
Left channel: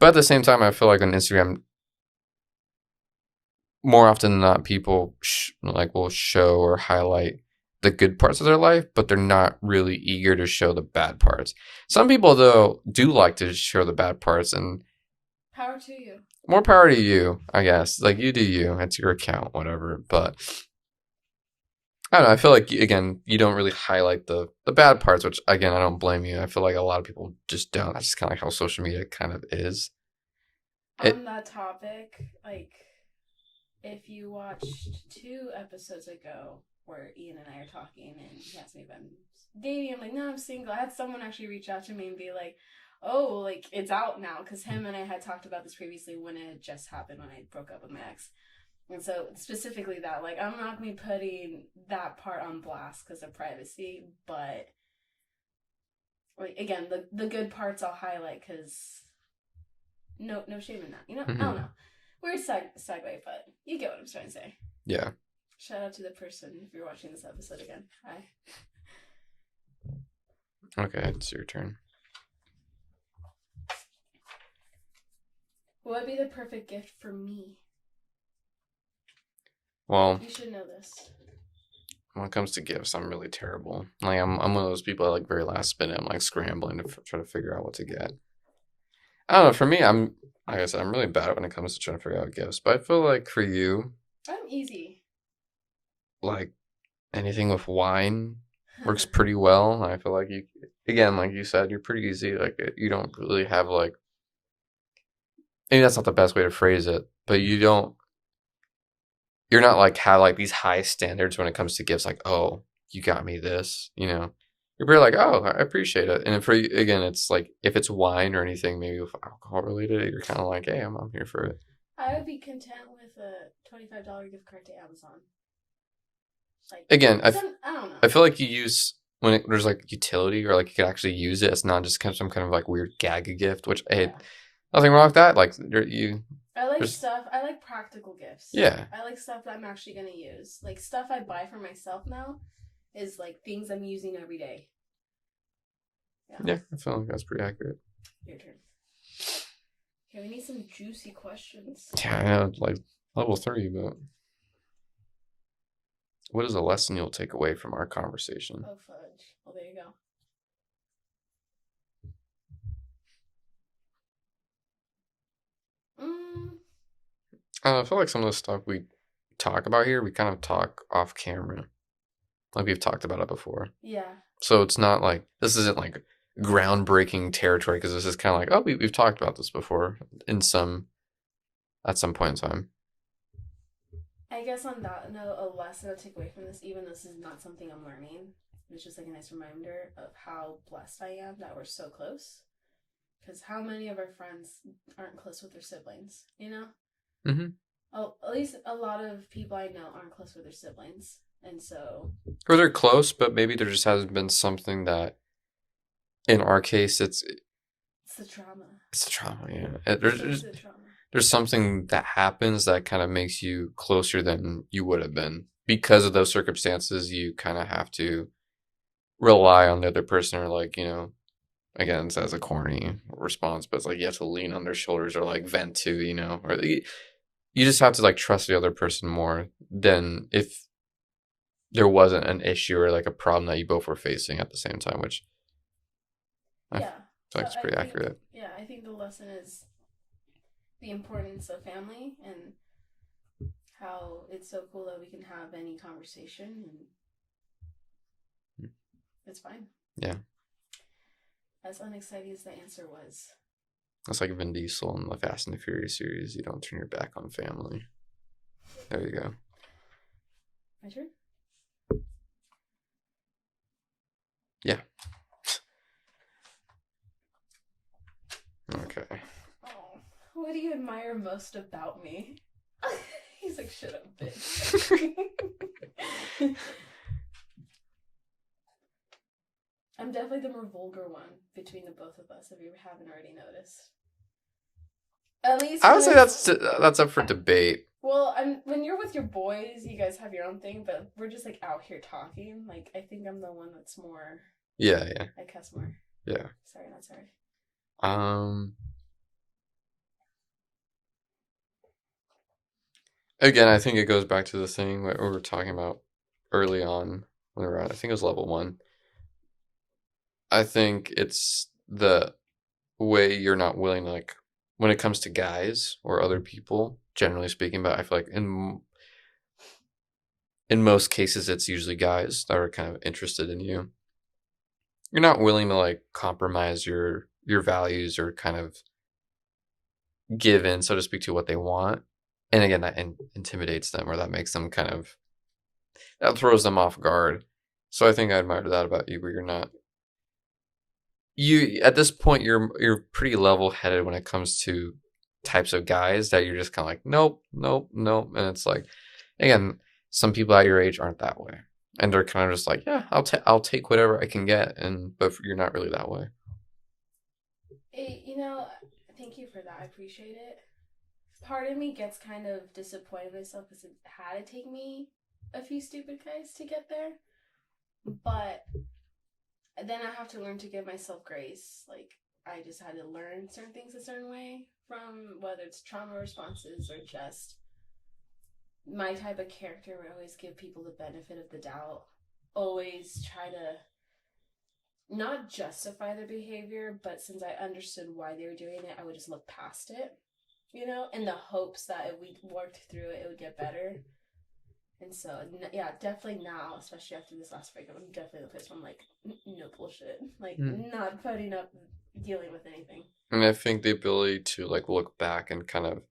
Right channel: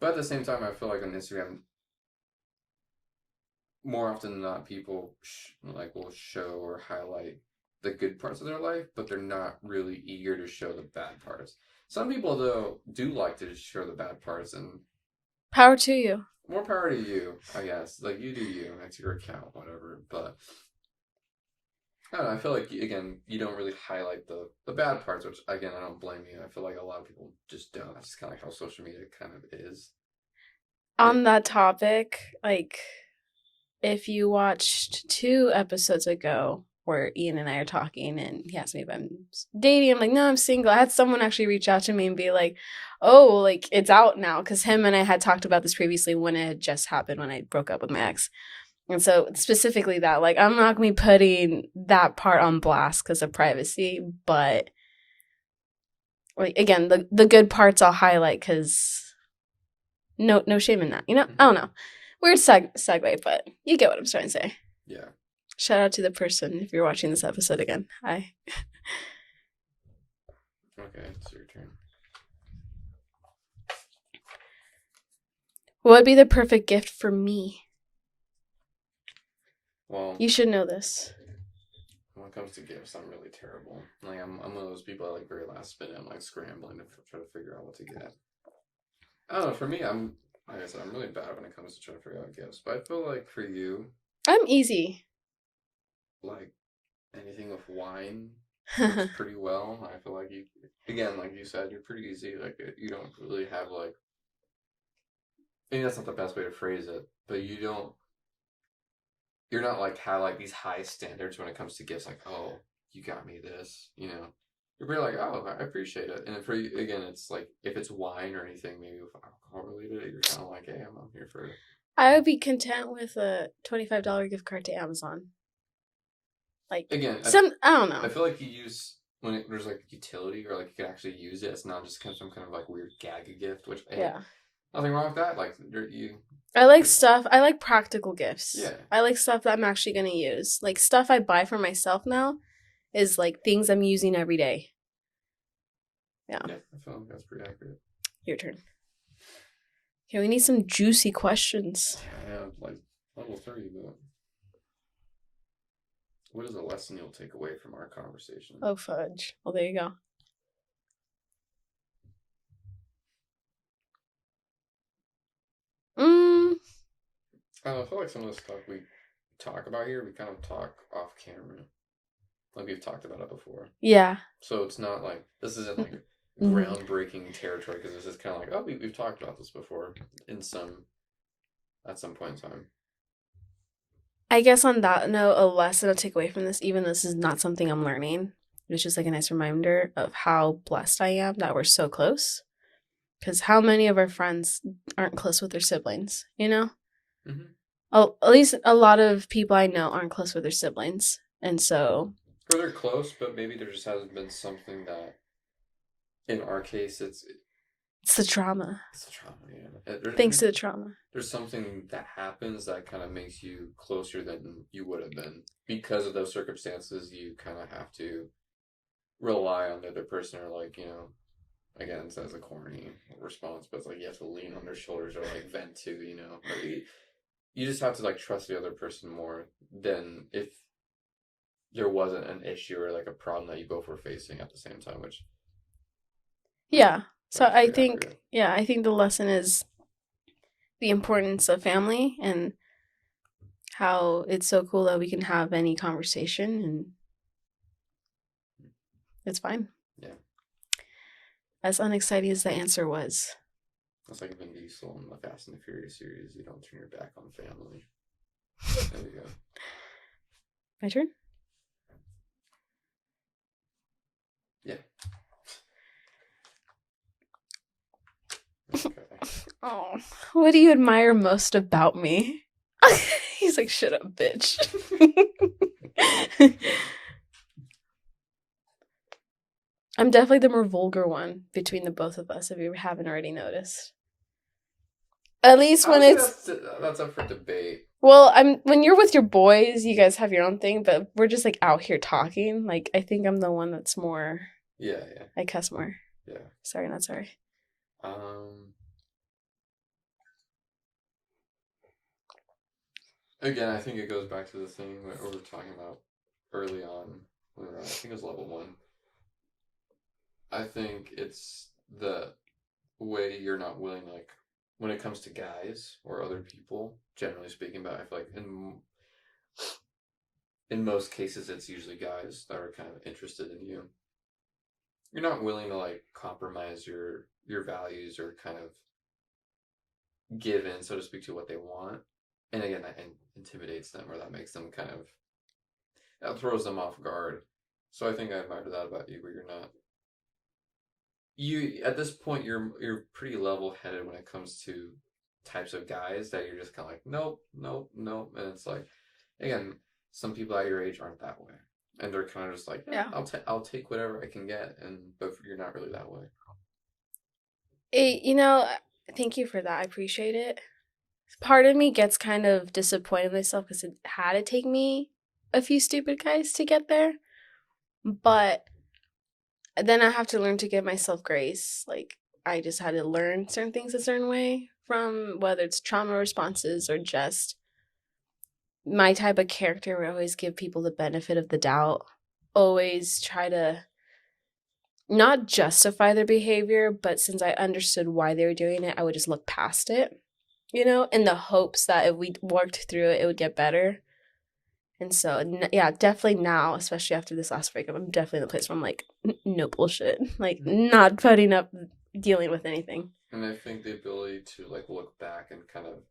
But at the same time, I feel like on Instagram, more often than not, people will show or highlight the good parts of their life, but they're not really eager to show the bad parts. Some people, though, do like to show the bad parts, and Power to you. more power to you, I guess. Like, you do you. It's your account, whatever. But I don't know. I feel like, again, you don't really highlight the bad parts, which, again, I don't blame you. I feel like a lot of people just don't. That's just kind of like how social media kind of is. On that topic, like, if you watched 2 episodes ago where Ian and I are talking and he asked me if I'm dating, I'm like, no, I'm single. I had someone actually reach out to me and be like, oh, like, it's out now. Because him and I had talked about this previously when it had just happened when I broke up with my ex. And so specifically that, like, I'm not going to be putting that part on blast because of privacy. But, like, again, the good parts I'll highlight because no shame in that. You know? Mm-hmm. I don't know. Weird segue, but you get what I'm trying to say. Yeah. Shout out to the person if you're watching this episode again. Hi. Okay, it's your turn. What would be the perfect gift for me? Well, You should know this. when it comes to gifts, I'm really terrible. Like, I'm one of those people that, like, very last minute, I'm like scrambling to try to figure out what to get. I don't know. For me, like I said, I'm really bad when it comes to trying to figure out gifts. But I feel like for you, I'm easy. like anything with wine works pretty well. I feel like you, again, like you said, you're pretty easy. Like, you don't really have like, maybe that's not the best way to phrase it, but you're not like have like these high standards when it comes to gifts. Like, oh, you got me this, you know, you're pretty like, oh, I appreciate it. And for you, again, it's like if it's wine or anything, maybe with alcohol related, you're kind of like, hey, I'm here for it. I would be content with a $25 gift card to Amazon. Like Again, I don't I know. feel like you use when there's like utility or like you could actually use it. It's not just kind of some kind of like weird gag gift, which hey, Yeah. nothing wrong with that. Like you, I like there's stuff. I like practical gifts. yeah, I like stuff that I'm actually gonna use. Like stuff I buy for myself now is like things I'm using every day. Yeah. yeah. I feel like that's pretty accurate. Your turn. Okay, we need some juicy questions. Yeah, I know, like level 3, but what is a lesson you'll take away from our conversation? Oh fudge. Well, there you go. I feel like some of the stuff we talk about here, we kind of talk off camera. Like we've talked about it before. Yeah. So it's not like this isn't like groundbreaking territory because this is kind of like, oh, we've talked about this before at some point in time. I guess on that note, a lesson to take away from this, even this is not something I'm learning, it's just like a nice reminder of how blessed I am that we're so close. Because how many of our friends aren't close with their siblings, you know? Mm-hmm. At least a lot of people I know aren't close with their siblings. And so. Or they're close, but maybe there just hasn't been something that, in our case, it's the trauma. It's the trauma, yeah. Thanks to the trauma. There's something that happens that kind of makes you closer than you would have been. Because of those circumstances, you kind of have to rely on the other person or like, you know, again, it's as a corny response, but it's like you have to lean on their shoulders or like vent to, you know, or you just have to like trust the other person more than if there wasn't an issue or like a problem that you both were facing at the same time, which yeah. So I think accurate. Yeah, I think the lesson is the importance of family and how it's so cool that we can have any conversation and it's fine. Yeah. As unexciting as the answer was. It's like Vin Diesel in the Fast and the Furious series. You don't turn your back on family. There you go. My turn? Yeah. Okay. Oh, what do you admire most about me? He's like, shut up, bitch. I'm definitely the more vulgar one between the both of us, if you haven't already noticed. At least I would say that's up for debate. Well, when you're with your boys, you guys have your own thing, but we're just like out here talking. Like I think I'm the one that's more. Yeah. I cuss more. Yeah. Sorry, not sorry. Again, I think it goes back to the thing that we were talking about early on when we were at, I think it was level 1. I think it's the way you're not willing to, like, when it comes to guys or other people, generally speaking, but I feel like in most cases it's usually guys that are kind of interested in you. You're not willing to like compromise your values or kind of give in, so to speak, to what they want. And again, that intimidates them or that makes them kind of, that throws them off guard. So I think I admire that about you, where you're not, you at this point you're pretty level headed when it comes to types of guys that you're just kind of like nope, and it's like, again, some people at your age aren't that way, and they're kind of just like yeah. I'll take whatever I can get, but you're not really that way. Thank you for that. I appreciate it. Part of me gets kind of disappointed in myself because it had to take me a few stupid guys to get there, but then I have to learn to give myself grace. Like I just had to learn certain things a certain way, from whether it's trauma responses or just my type of character would always give people the benefit of the doubt, always try to not justify their behavior, but since I understood why they were doing it, I would just look past it, in the hopes that if we worked through it, it would get better. And so, yeah, definitely now, especially after this last breakup, I'm definitely in the place where I'm like, no bullshit. Like, not putting up, dealing with anything. And I think the ability to, like, look back and kind of,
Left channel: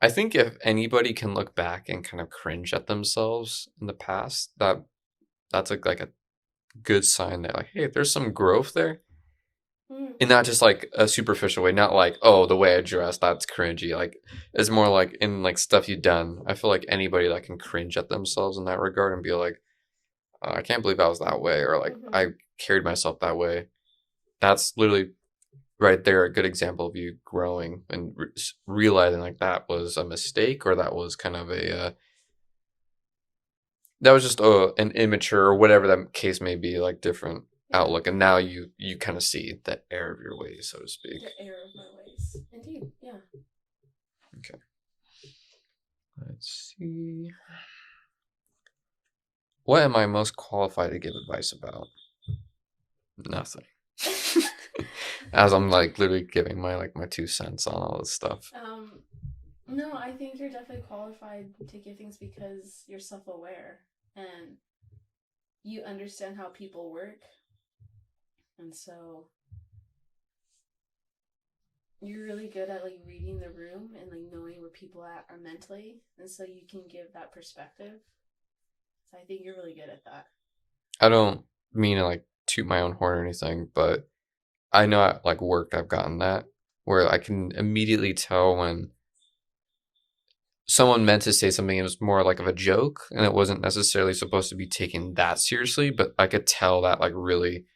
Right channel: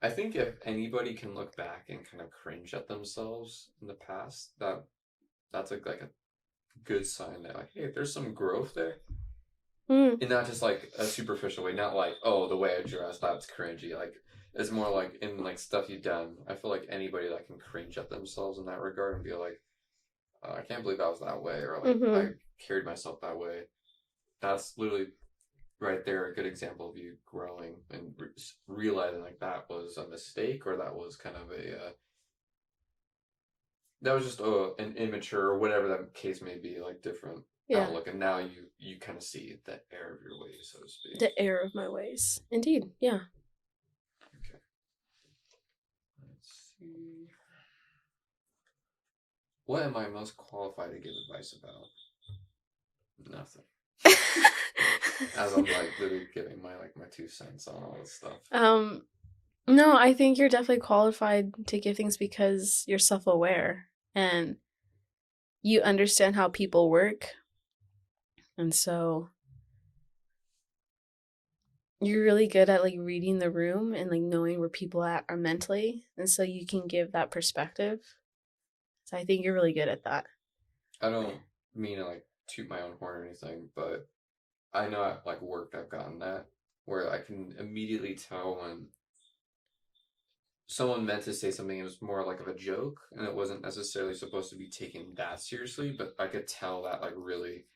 I think if anybody can look back and kind of cringe at themselves in the past, that that's like a good sign that like, hey, there's some growth there. Mm. And not just like a superficial way, not like, oh, the way I dress, that's cringy. Like it's more like in like stuff you've done. I feel like anybody that can cringe at themselves in that regard and be like, oh, I can't believe I was that way, or like I Mm-hmm. carried myself that way. That's literally right there a good example of you growing and realizing like that was a mistake, or that was kind of a that was just an immature or whatever that case may be, like different Yeah. outlook, and now you kind of see the error of your ways, so to speak. The error of my ways. Indeed. Yeah. Okay, let's see. What am I most qualified to give advice about? Nothing. As I'm like literally giving my 2 cents on all this stuff. No, I think you're definitely qualified to give things because you're self-aware and you understand how people work. And so you're really good at like reading the room and like knowing where people are mentally, and so you can give that perspective. So I think you're really good at that. I don't mean to like toot my own horn or anything, but I know at like work I've gotten that where I can immediately tell when someone meant to say something, it was more like of a joke and it wasn't necessarily supposed to be taken that seriously, but I could tell that like really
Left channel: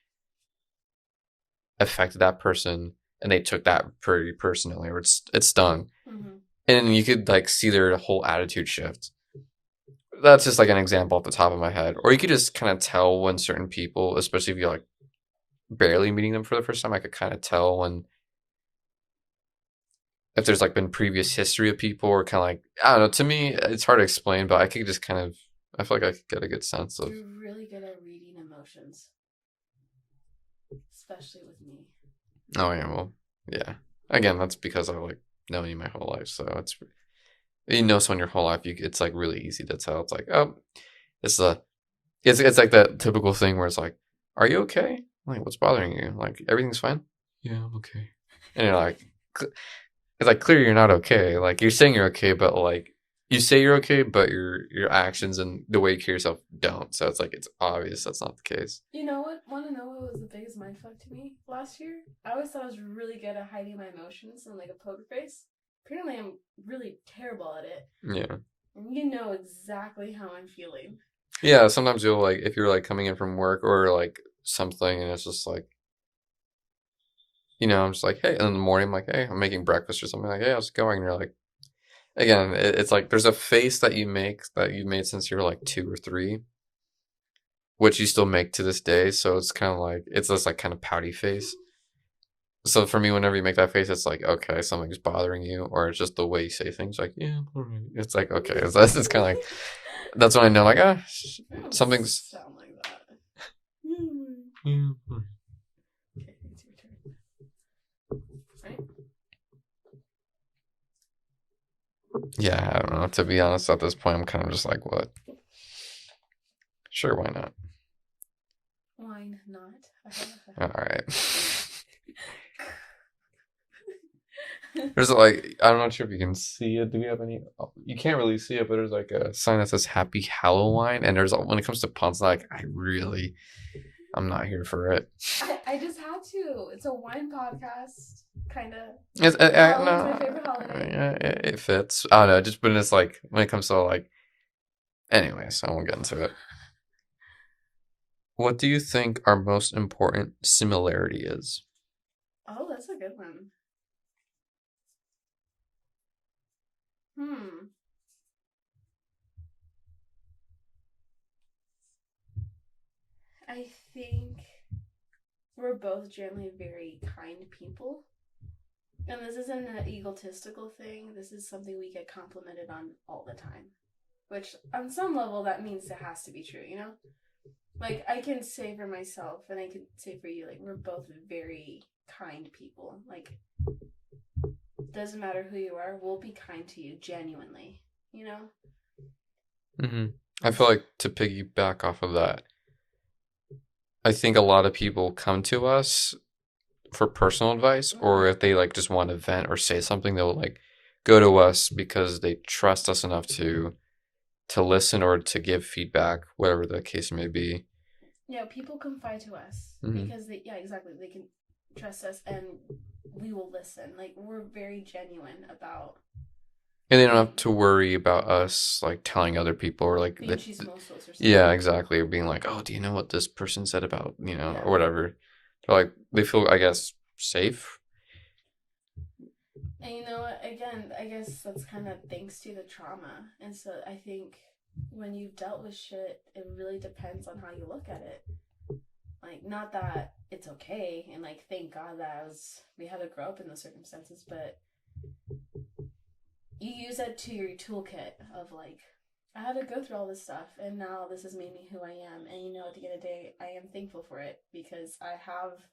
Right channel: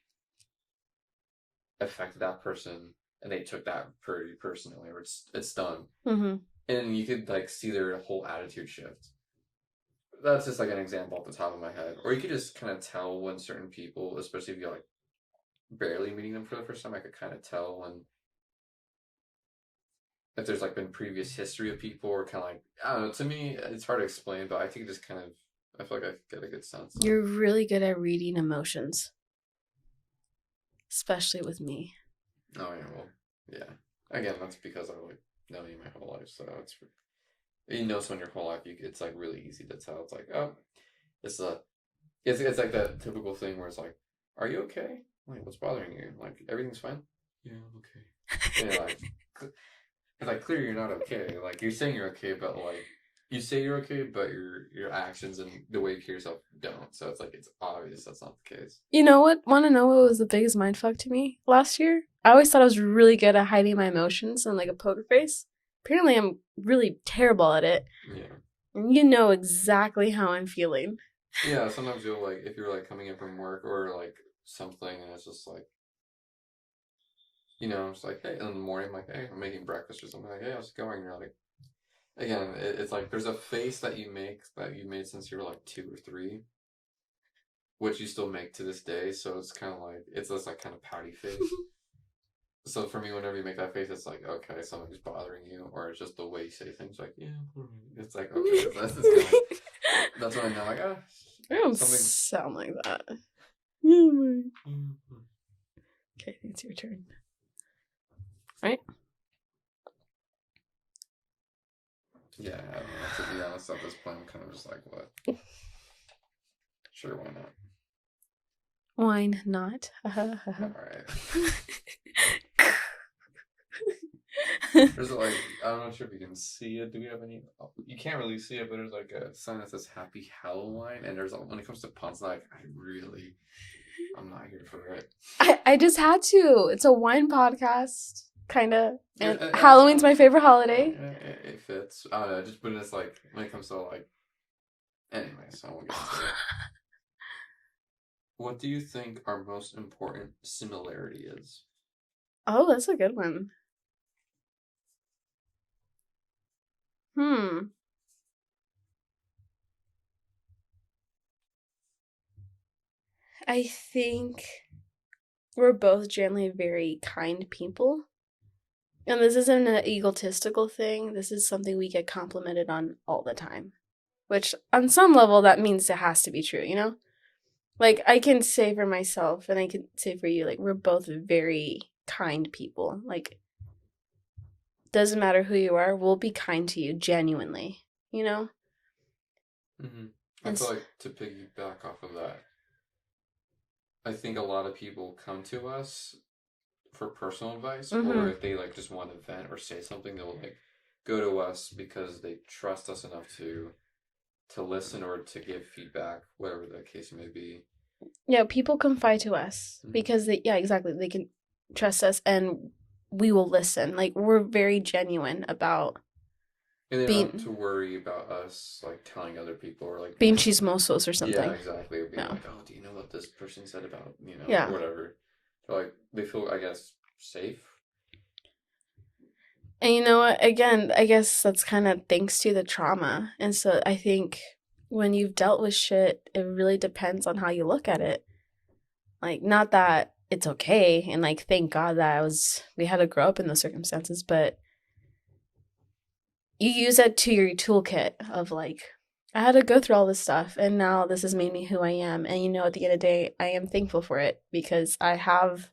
affected that person and they took that pretty personally, or it stung. Mm-hmm. And you could like see their whole attitude shift. That's just like an example off the top of my head. Or you could just kind of tell when certain people, especially if you're like barely meeting them for the first time, I could kind of tell when if there's like been previous history of people, or kind of like, I don't know, to me it's hard to explain, but I could just kind of, I feel like I could get a good sense of. You're really good at reading emotions, especially with me. Oh yeah, well, yeah. Again, that's because I've like known you my whole life, so it's, you know, someone your whole life, it's like really easy to tell. It's like, oh, it's a it's like that typical thing where it's like, are you okay? Like, what's bothering you? Like, everything's fine? Yeah, I'm okay. And you're like, it's like clearly you're not okay. Like you're saying you're okay, but like you say you're okay, but your actions and the way you carry yourself don't. So it's like it's obvious that's not the case. You know what? Want to know what was the biggest mindfuck to me last year? I always thought I was really good at hiding my emotions and like a poker face. Apparently, I'm really terrible at it. Yeah. And you know exactly how I'm feeling. Yeah, sometimes you'll like, if you're like coming in from work or like something and it's just like, you know, I'm just like, hey, in the morning I'm like, hey, I'm making breakfast or something, like, hey, how's it going? And you're like, again, it's like there's a face that you make that you made since you were like 2 or 3, which you still make to this day. So it's kind of like, it's this like kind of pouty face. So for me, whenever you make that face, it's like, okay, something's bothering you, or it's just the way you say things. Like, yeah, all right. It's like, okay, so that's kind of like, that's when I know, like, I don't something's. sound like that. Okay, it's your turn. Right? Yeah, I don't know. To be honest, at this point, I'm kind of just like, what? Sure, why not? Wine not. All right. There's like, I'm not sure if you can see it. Do we have any? Oh, you can't really see it, but there's like a sign that says Happy Halloween. And there's, when it comes to puns, like, I'm not here for it. I just had to. It's a wine podcast, kind of. Halloween's my favorite holiday. It fits. I don't know. Just, but it's like, when it comes to like, anyways, I won't get into it. What do you think our most important similarity is? Oh, that's a good one. I think we're both generally very kind people. And this isn't an egotistical thing. This is something we get complimented on all the time. Which, on some level, that means it has to be true, you know? Like, I can say for myself, and I can say for you, like, we're both very kind people. Like, doesn't matter who you are, we'll be kind to you genuinely, you know? Mm-hmm. I feel like, to piggyback off of that, I think a lot of people come to us for personal advice, or if they like just want to vent or say something, they'll like go to us because they trust us enough to to listen or to give feedback, whatever the case may be. Yeah, people confide to us because exactly. They can trust us and we will listen. Like, we're very genuine about And they don't have to worry about us like telling other people or like being chismosos or something. Yeah, exactly. Or being like, oh, do you know what this person said about, or whatever. They're like, they feel, I guess, safe. And you know what? Again, I guess that's kind of thanks to the trauma. And so I think when you've dealt with shit, it really depends on how you look at it. Like, not that it's okay, and like, thank God that we had to grow up in those circumstances, but you use it to your toolkit of like, I had to go through all this stuff, and now this has made me who I am. And at the end of the day, I am thankful for it because I have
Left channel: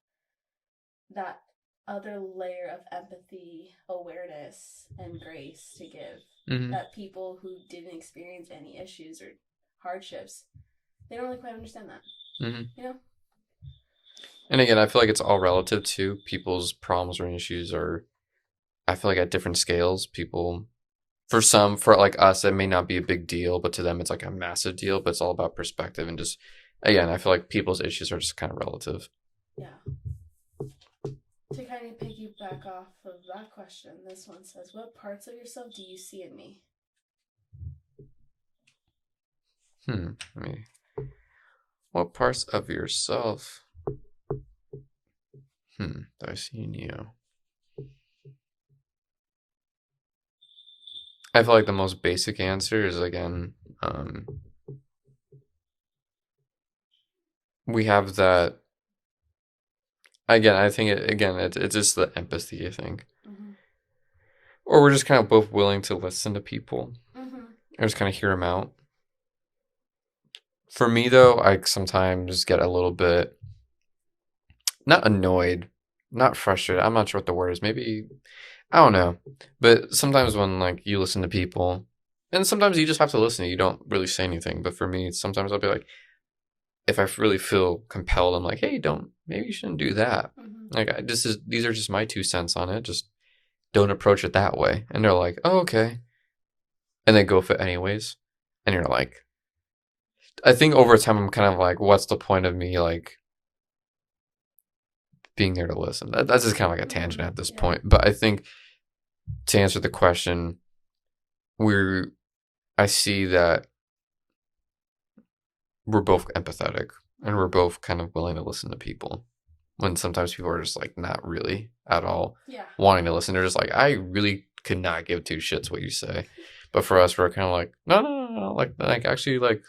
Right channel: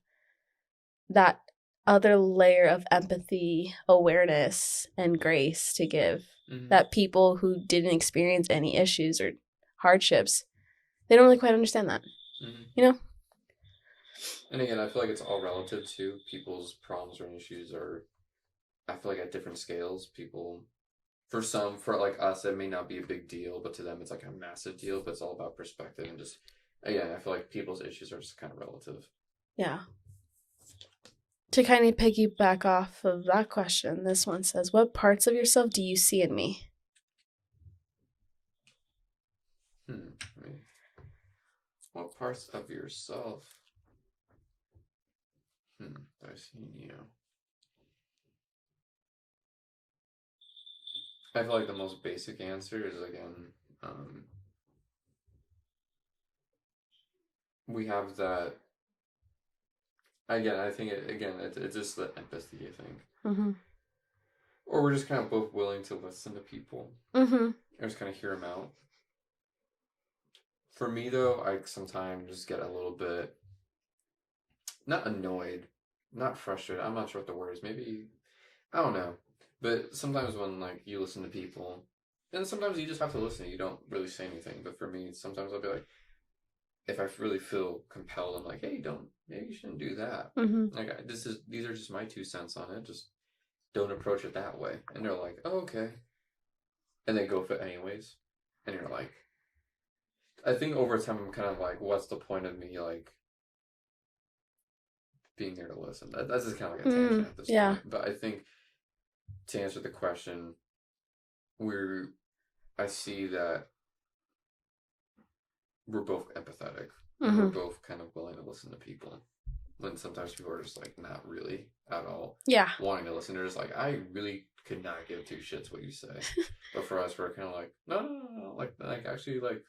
that other layer of empathy, awareness, and grace to give that people who didn't experience any issues or hardships, they don't really quite understand that. And again, I feel like it's all relative to people's problems or issues, or I feel like at different scales, people, for like us, it may not be a big deal, but to them, it's like a massive deal. But it's all about perspective and just, again, I feel like people's issues are just kind of relative. Yeah. To kind of piggyback off of that question, this one says, what parts of yourself do you see in me? What parts of yourself do I see in you? I feel like the most basic answer is, again, we have that. Again, I think it's just the empathy, I think. Or we're just kind of both willing to listen to people. Or just kind of hear them out. For me, though, I sometimes get a little bit, not annoyed, not frustrated. I'm not sure what the word is. Maybe, I don't know. But sometimes when like you listen to people, and sometimes you just have to listen, you don't really say anything. But for me, sometimes I'll be like, if I really feel compelled, I'm like, hey, maybe you shouldn't do that. Like, these are just my 2 cents on it. Just don't approach it that way. And they're like, oh, okay. And they go for it anyways. And you're like, I think over time, I'm kind of like, what's the point of me, like, being there to listen? That's just kind of like a tangent at this point. But I think to answer the question, I see that we're both empathetic and we're both kind of willing to listen to people when sometimes people are just like not really at all wanting to listen. They're just like, I really could not give 2 shits what you say. But for us, we're kind of like, no, like actually, like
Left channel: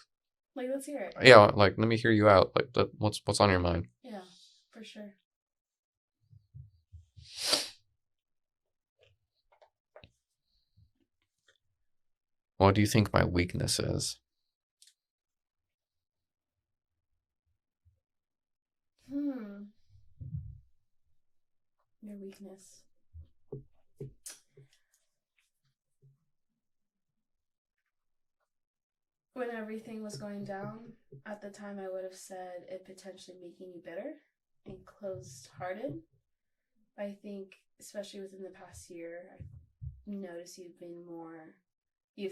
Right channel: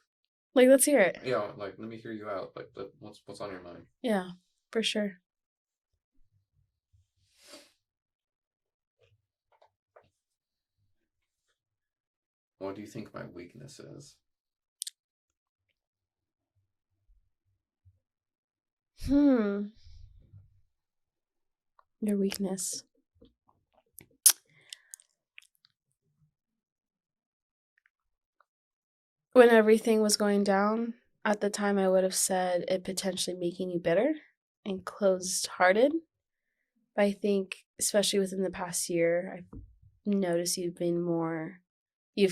let's hear it. Yeah, like, let me hear you out. Like, what's on your mind? Yeah, for sure. What do you think my weakness is? Your weakness. When everything was going down, at the time I would have said it potentially making you bitter and closed-hearted. But I think, especially within the past year, I've noticed you've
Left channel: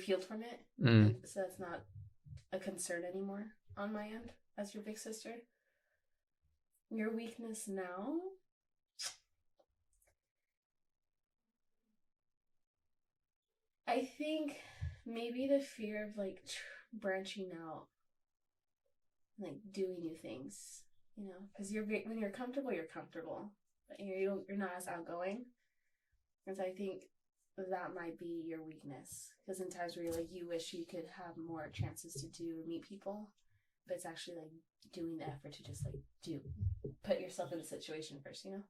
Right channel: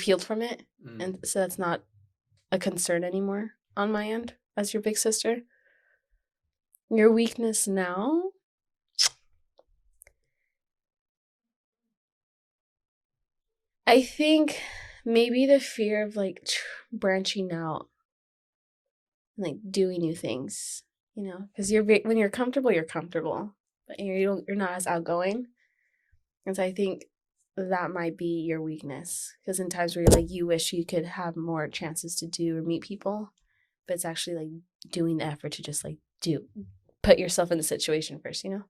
healed from it. And so that's not a concern anymore on my end as your big sister. Your weakness now? I think maybe the fear of like branching out, like doing new things, because when you're comfortable, but you're not as outgoing. And so I think that might be your weakness, because in times where you wish you could have more chances to do or meet people, but it's actually like doing the effort to just like put yourself in the situation first, Yeah.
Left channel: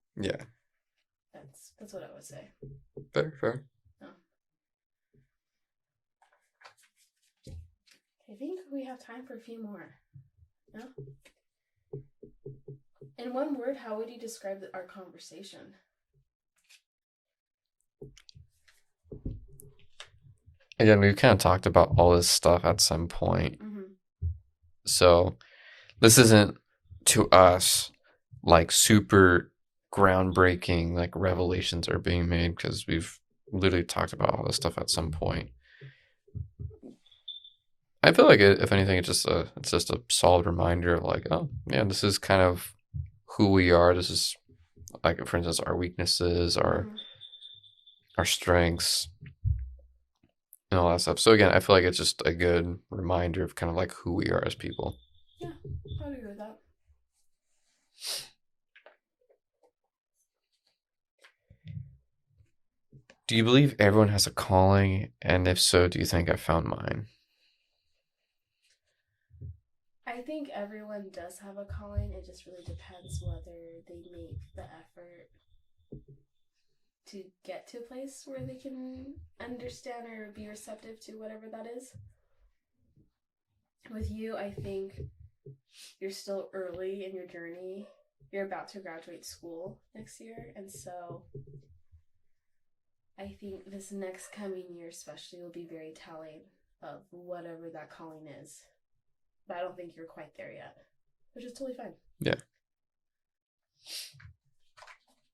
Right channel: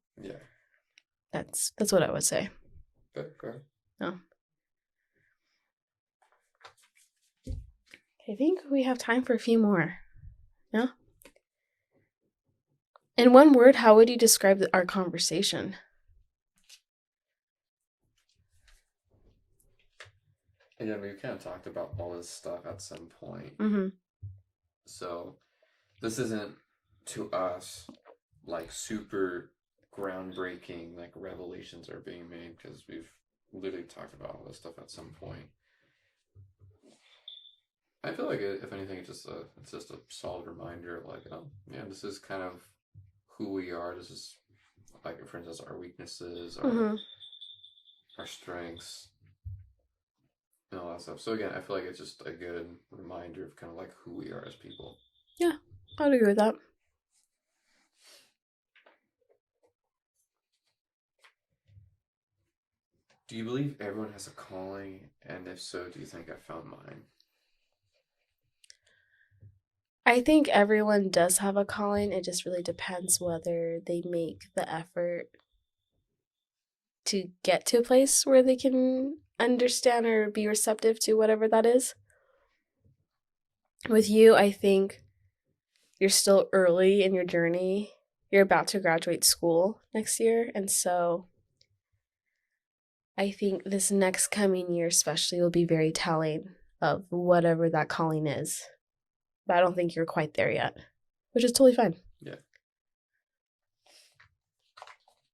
That's what I would say. Fair. No. I think we have time for a few more. Yeah. In one word, how would you describe our conversation? Again, we've kind of talked about all this stuff at some point. So this isn't, to us, like super groundbreaking, like revelations are being made, because we've literally talked about all this stuff at some point. I feel like if anything, it's just a solid reminder of like, oh yeah, this is kind of who we are. This is like, for instance, our weaknesses, Hmm. our strengths, and all that stuff. So again, I feel like it's just a good reminder of kind of like who we are as people. Yeah, I'd agree with that. Do you believe everyone has a calling? And if so, do you think I found mine? I think everyone does have a calling. It just really depends whether they make the effort to get to a place where they can understand or be receptive to whatever that is. With you, I think you're still early in your journey. You're about to graduate school next year. And so I think this next coming year, especially, will be very telling of whatever that calling is. But I don't think you're quite there yet, which is totally fine. Yeah.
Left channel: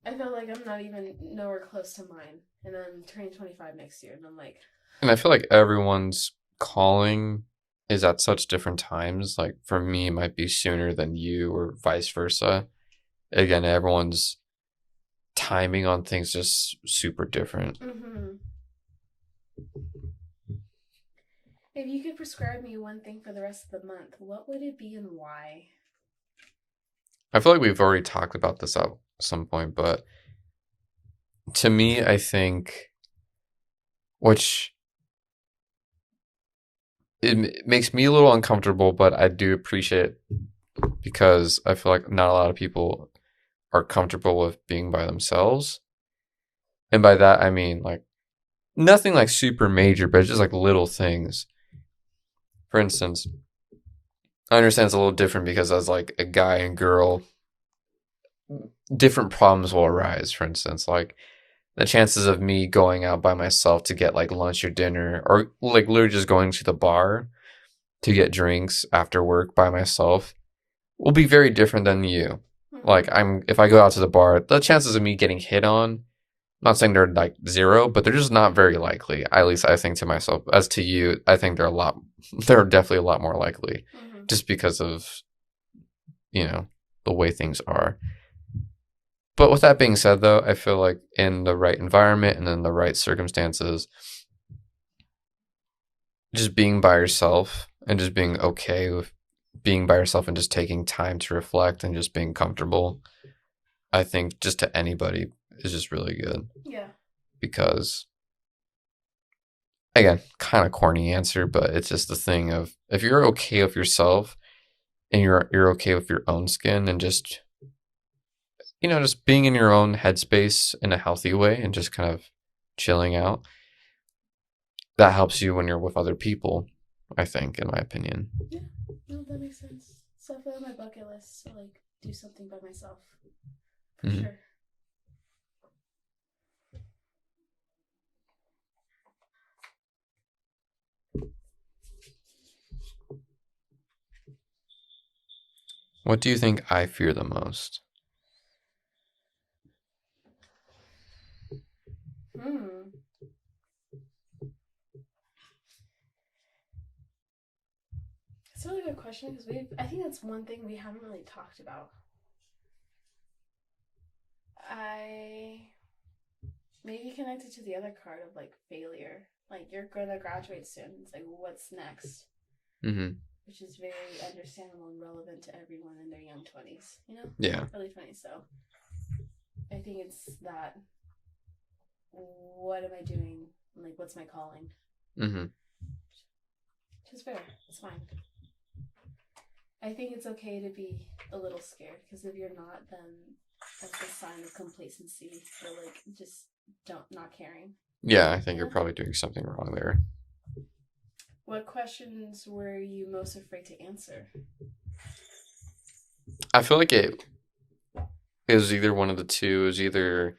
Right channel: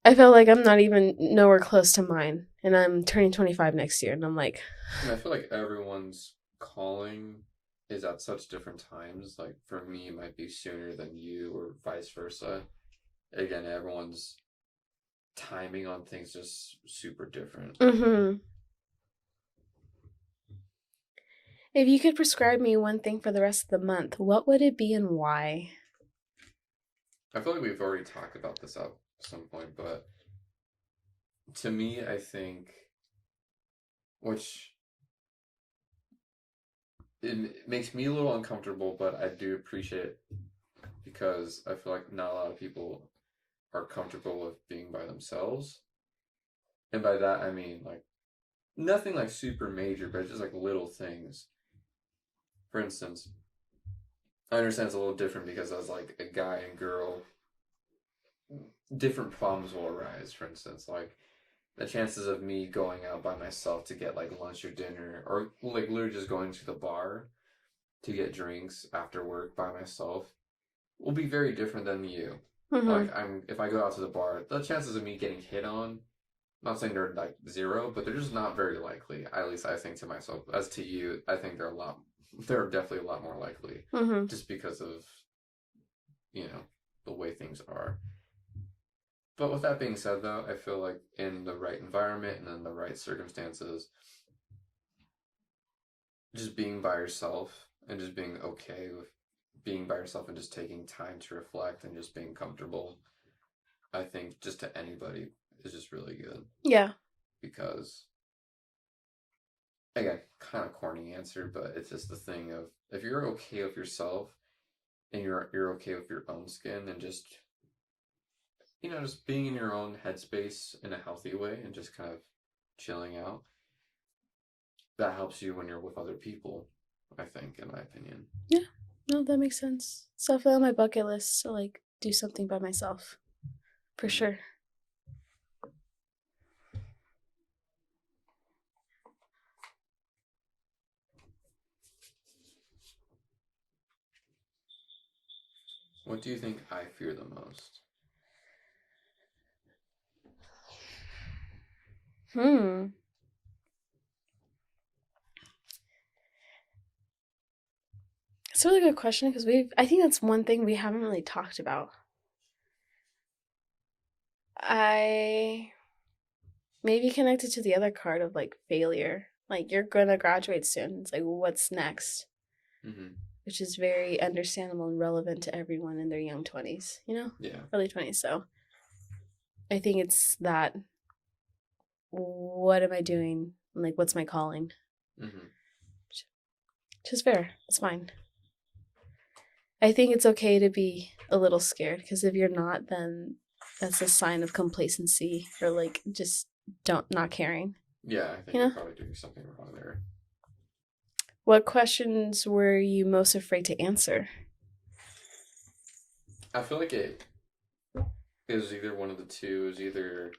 I feel like I'm not even nowhere close to mine. And I'm turning 25 next year. And I'm like, And I feel like everyone's calling is at such different times. Like for me, it might be sooner than you, or vice versa. Again, everyone's timing on things just super different. mm-hmm. If you could prescribe me one thing for the rest of the month, what would it be and why? I feel like we've already talked about this at some point, but to me, I think, which it makes me a little uncomfortable, but I do appreciate it because I feel like not a lot of people are comfortable with being by themselves. And by that, I mean like nothing like super major, but it's just like little things. For instance, I understand it's a little different because as like a guy and girl, different problems will arise. For instance, like the chances of me going out by myself to get like lunch or dinner, or like literally just going to the bar to get drinks after work by myself, will be very different than you. Mm-hmm. Like if I go out to the bar, the chances of me getting hit on, I'm not saying they're like zero, but they're just not very likely. At least I think to myself. As to you, I think they're definitely a lot more likely, Mm-hmm. just because of you know the way things are. But with that being said, though, I feel like in the right environment and in the right circumstances, just being by yourself and just being okay with being by yourself and just taking time to reflect and just being comfortable, I think just to anybody is just really good. Yeah. Because again, kind of corny answer, but it's just the thing of if you're okay with yourself and you're okay with your own skin and just just being in your own headspace in a healthy way and just kind of chilling out, that helps you when you're with other people, I think, in my opinion. Yeah. No, that makes sense. It's definitely on my bucket list to like do something by myself. For Mhm. sure. What do you think I fear the most? Hmm. It's a really good question because I think that's one thing we haven't really talked about. I maybe connected to the other card of like failure. Like you're gonna graduate soon. It's like what's next? Mm-hmm. Which is very understandable and relevant to everyone in their young 20s, Yeah. early 20s. So I think it's that what am I doing? Like, what's my calling? Mm-hmm. Which is fair. It's fine. I think it's okay to be a little scared because if you're not, then that's a sign of complacency or like just don't not caring. Yeah, I think You you're know? probably doing something wrong there. What questions were you most afraid to answer? I feel like it was either one of the two. It was either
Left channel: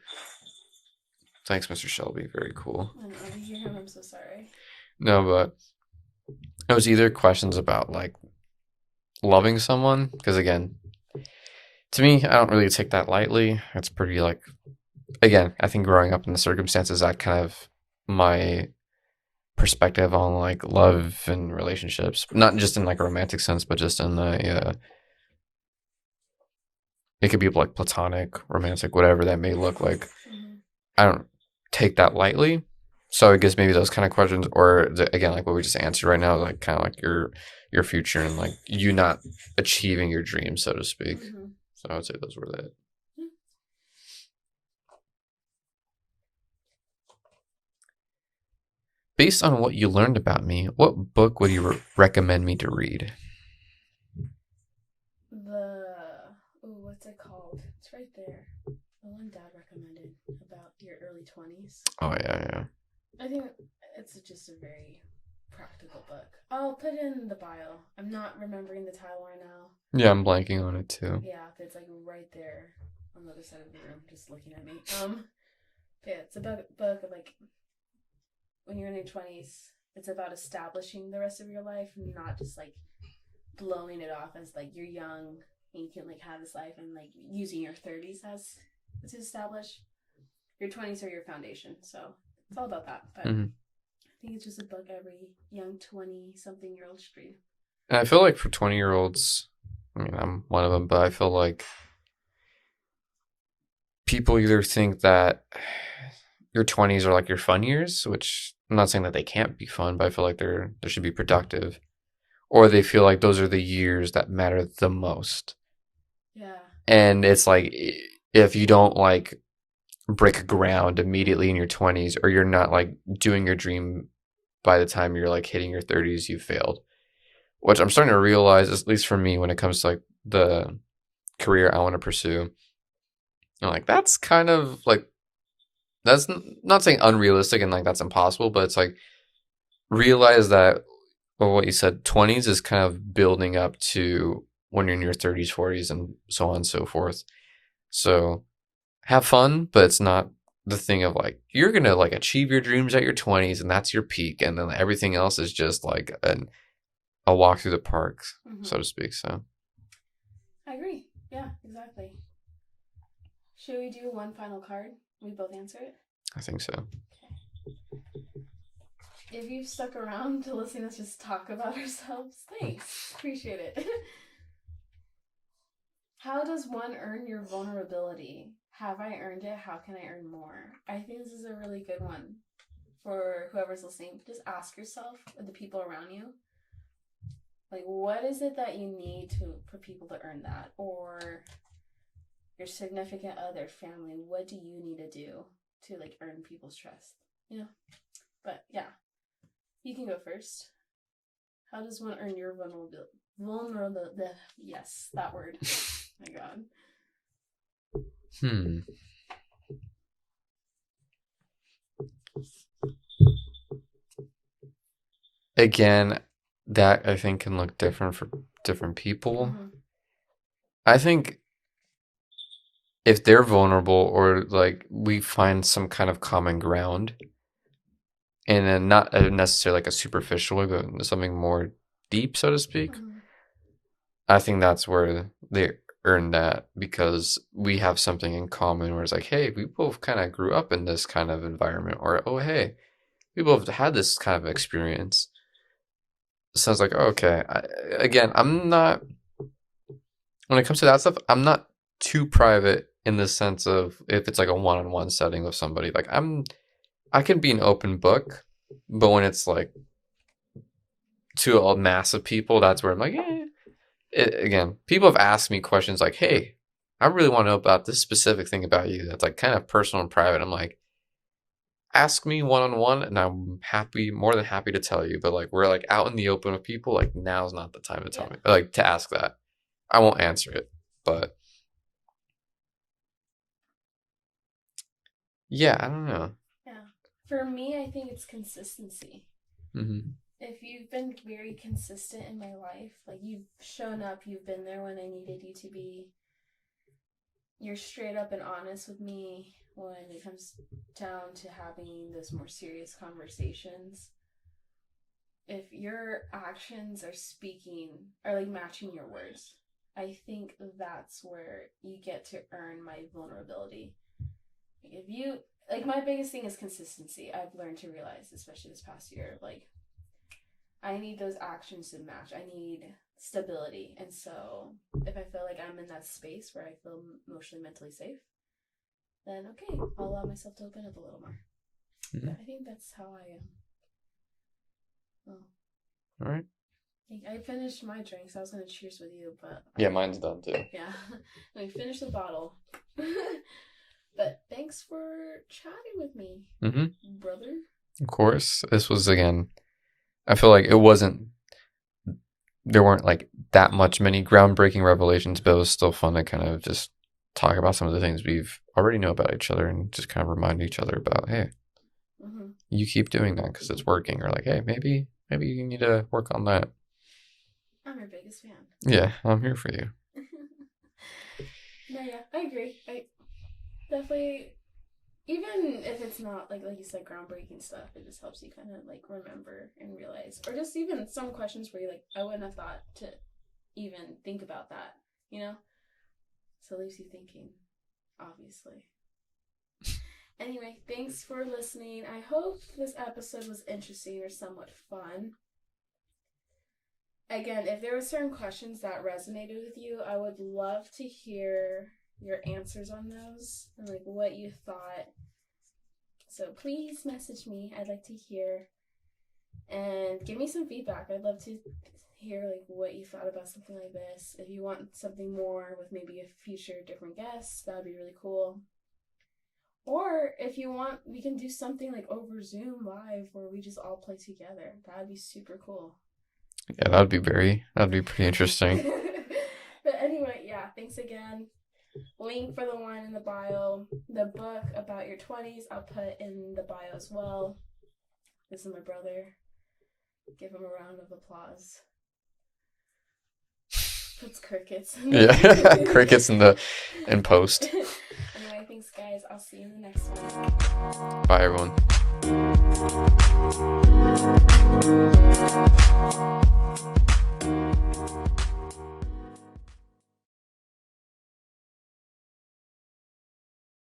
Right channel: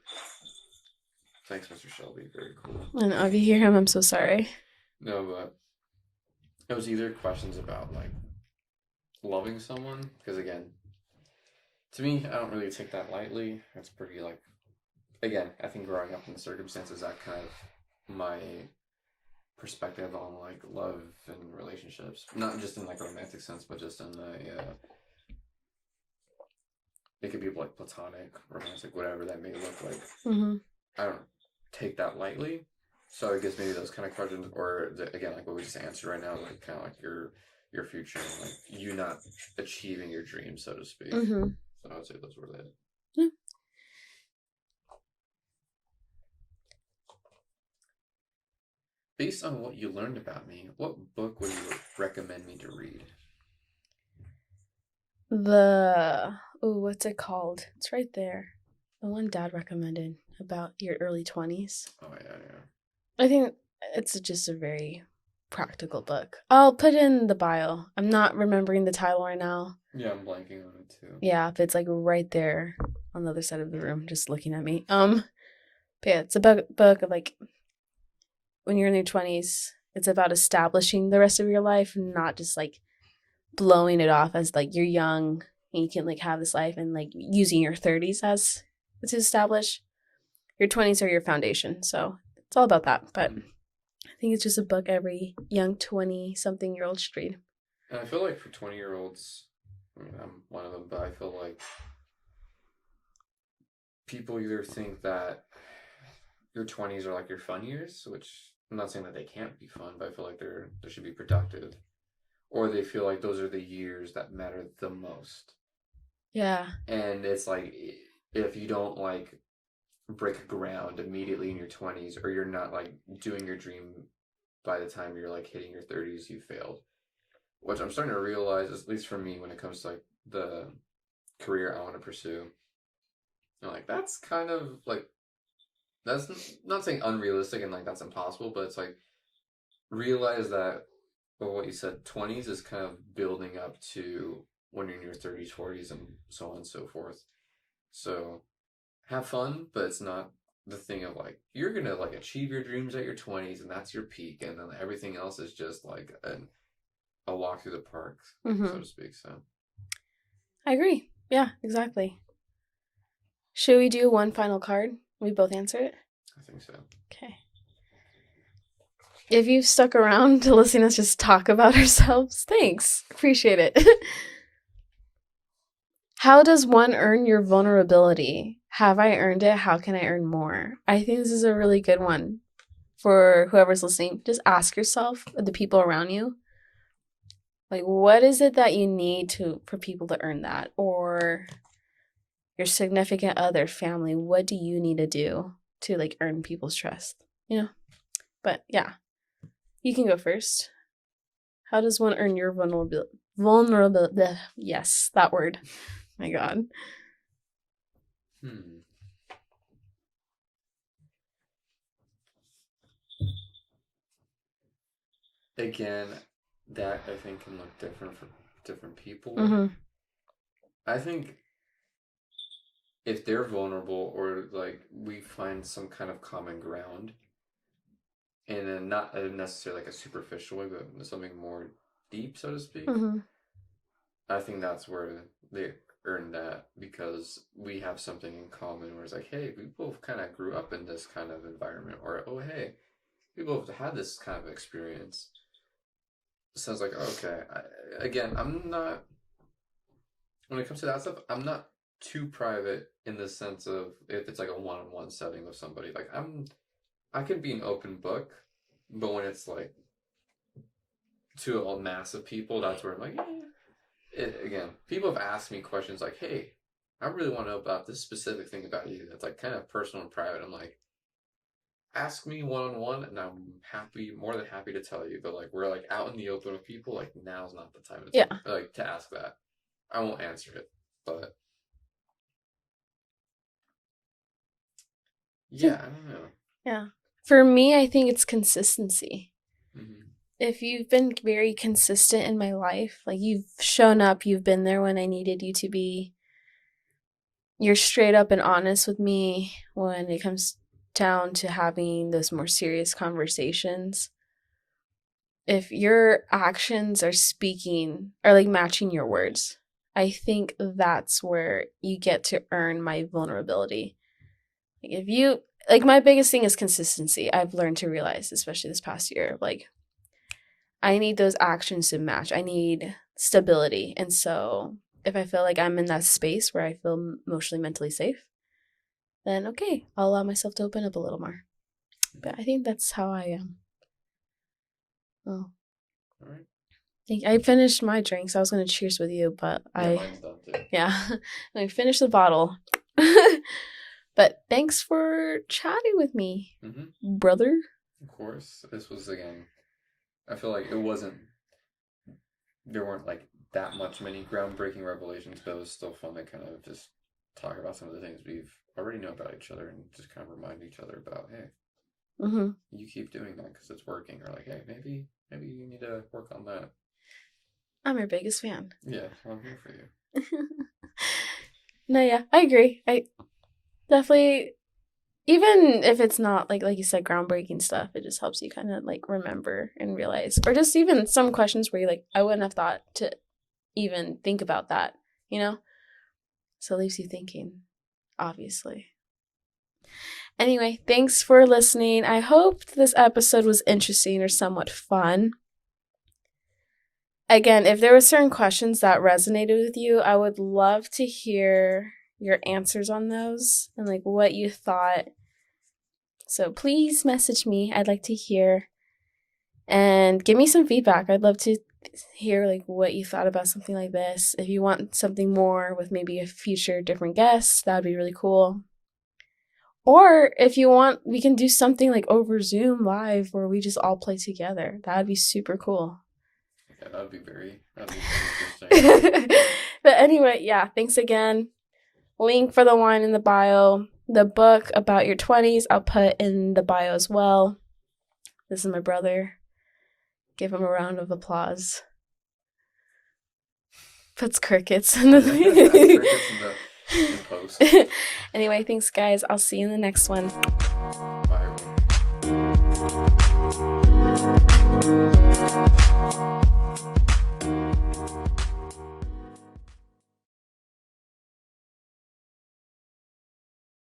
thanks, Mr. Shelby, very cool. And if you hear him, I'm so sorry. No, but it was either questions about like loving someone, because again, to me, I don't really take that lightly. It's pretty like again, I think growing up in the circumstances that kind of my perspective on like love and relationships, not just in like a romantic sense, but just in the it could be like platonic, romantic, whatever that may look like. Mm-hmm. I don't take that lightly. So I guess maybe those kind of questions, or again, like what we just answered right now, like kind of like your future and like you not achieving your dreams, so to speak. Mm-hmm. So I would say those were that. Yeah. Based on what you learned about me, what book would you recommend me to read? What's it called? It's right there. The one Dad recommended about your early 20s. Oh yeah. I think it's just a very practical book. I'll put it in the bio. I'm not remembering the title right now. Yeah, I'm blanking on it too. Yeah, but it's like right there on the other side of the room, just looking at me. But yeah, it's a book of like when you're in your 20s. It's about establishing the rest of your life, not just like blowing it off as like you're young and you can like have this life, and like using your 30s as to establish. Your 20s are your foundation, so it's all about that. But I think it's just a book every young 20-something-year-old should read. And I feel like for 20-year-olds, I mean, I'm one of them, but I feel like people either think that your 20s are like your fun years, which I'm not saying that they can't be fun, but I feel like they should be productive, or they feel like those are the years that matter the most. Yeah. And it's like if you don't like break ground immediately in your 20s, or you're not like doing your dream by the time you're like hitting your 30s, you failed. Which I'm starting to realize, at least for me, when it comes to like the career I want to pursue. I'm like, that's kind of like, that's not saying unrealistic and like that's impossible, but it's like realize that, well, what you said, 20s is kind of building up to when you're in your 30s, 40s, and so on and so forth. So have fun, but it's not the thing of like, you're going to like achieve your dreams at your 20s and that's your peak. And then everything else is just like a walk through the park, so to speak. So I agree. Yeah, exactly. Should we do one final card? We both answer it? I think so. Okay. If you've stuck around to listen to us just talk about ourselves, thanks. Appreciate it. How does one earn your vulnerability? Have I earned it? How can I earn more? I think this is a really good one for whoever's listening. Just ask yourself, the people around you, like, what is it that you need for people to earn that? Or your significant other, family, what do you need to do to like earn people's trust? You know? But yeah, you can go first. How does one earn your vulnerability? Yes, that word. My God. Again, that I think can look different for different people. I think if they're vulnerable, or like we find some kind of common ground, and then not necessarily like a superficial way, but something more deep, so to speak, I think that's where they earn that, because we have something in common where it's like, hey, we both kind of grew up in this kind of environment, or oh, hey, we both had this kind of experience. So it's like, okay, again, I'm not, when it comes to that stuff, I'm not too private in the sense of if it's like a one-on-one setting with somebody. Like I can be an open book, but when it's like to a mass of people, that's where I'm like, again, people have asked me questions like, hey, I really want to know about this specific thing about you that's like kind of personal and private. I'm like, ask me one-on-one and I'm more than happy to tell you. But like we're like out in the open with people, like now's not the time to tell me, like to ask that. I won't answer it, but yeah, I don't know. Yeah. For me, I think it's consistency. If you've been very consistent in my life, like you've shown up, you've been there when I needed you to be, you're straight up and honest with me when it comes down to having those more serious conversations. If your actions are speaking, or like matching your words, I think that's where you get to earn my vulnerability. If you, like my biggest thing is consistency. I've learned to realize, especially this past year, like I need those actions to match. I need stability. And so if I feel like I'm in that space where I feel emotionally, mentally safe, then okay, I'll allow myself to open up a little more. But I think that's how I am. Oh. All right. I finished my drinks. I was going to cheers with you, but mine's done too. Yeah. I finished the bottle. But thanks for chatting with me, brother. Of course. This was, again, I feel like there weren't like that many groundbreaking revelations, but it was still fun to kind of just talk about some of the things we've already know about each other and just kind of remind each other about, hey, you keep doing that because it's working, or like, hey, maybe you need to work on that. I'm your biggest fan. Yeah, I'm here for you. No, yeah, I agree. I definitely, even if it's not like you said, groundbreaking stuff, it just helps you kind of like remember and realize, or just even some questions where you're like, I wouldn't have thought to even think about that, you know? So it leaves you thinking, obviously. Anyway, thanks for listening. I hope this episode was interesting or somewhat fun. Again, if there were certain questions that resonated with you, I would love to hear your answers on those and like what you thought. So please message me. I'd like to hear and give me some feedback. I'd love to hear like what you thought about something like this. If you want something more with maybe a future different guest, that would be really cool. Or if you want, we can do something like over Zoom live where we just all play together. That would be super cool. Yeah, that'd be pretty interesting. But anyway, yeah, thanks again. Link for the wine in the bio. The book about your 20s, I'll put in the bio as well. This is my brother. Give him a round of applause. Puts crickets in the crickets in post. Anyway, thanks guys. I'll see you in the next one. Bye everyone.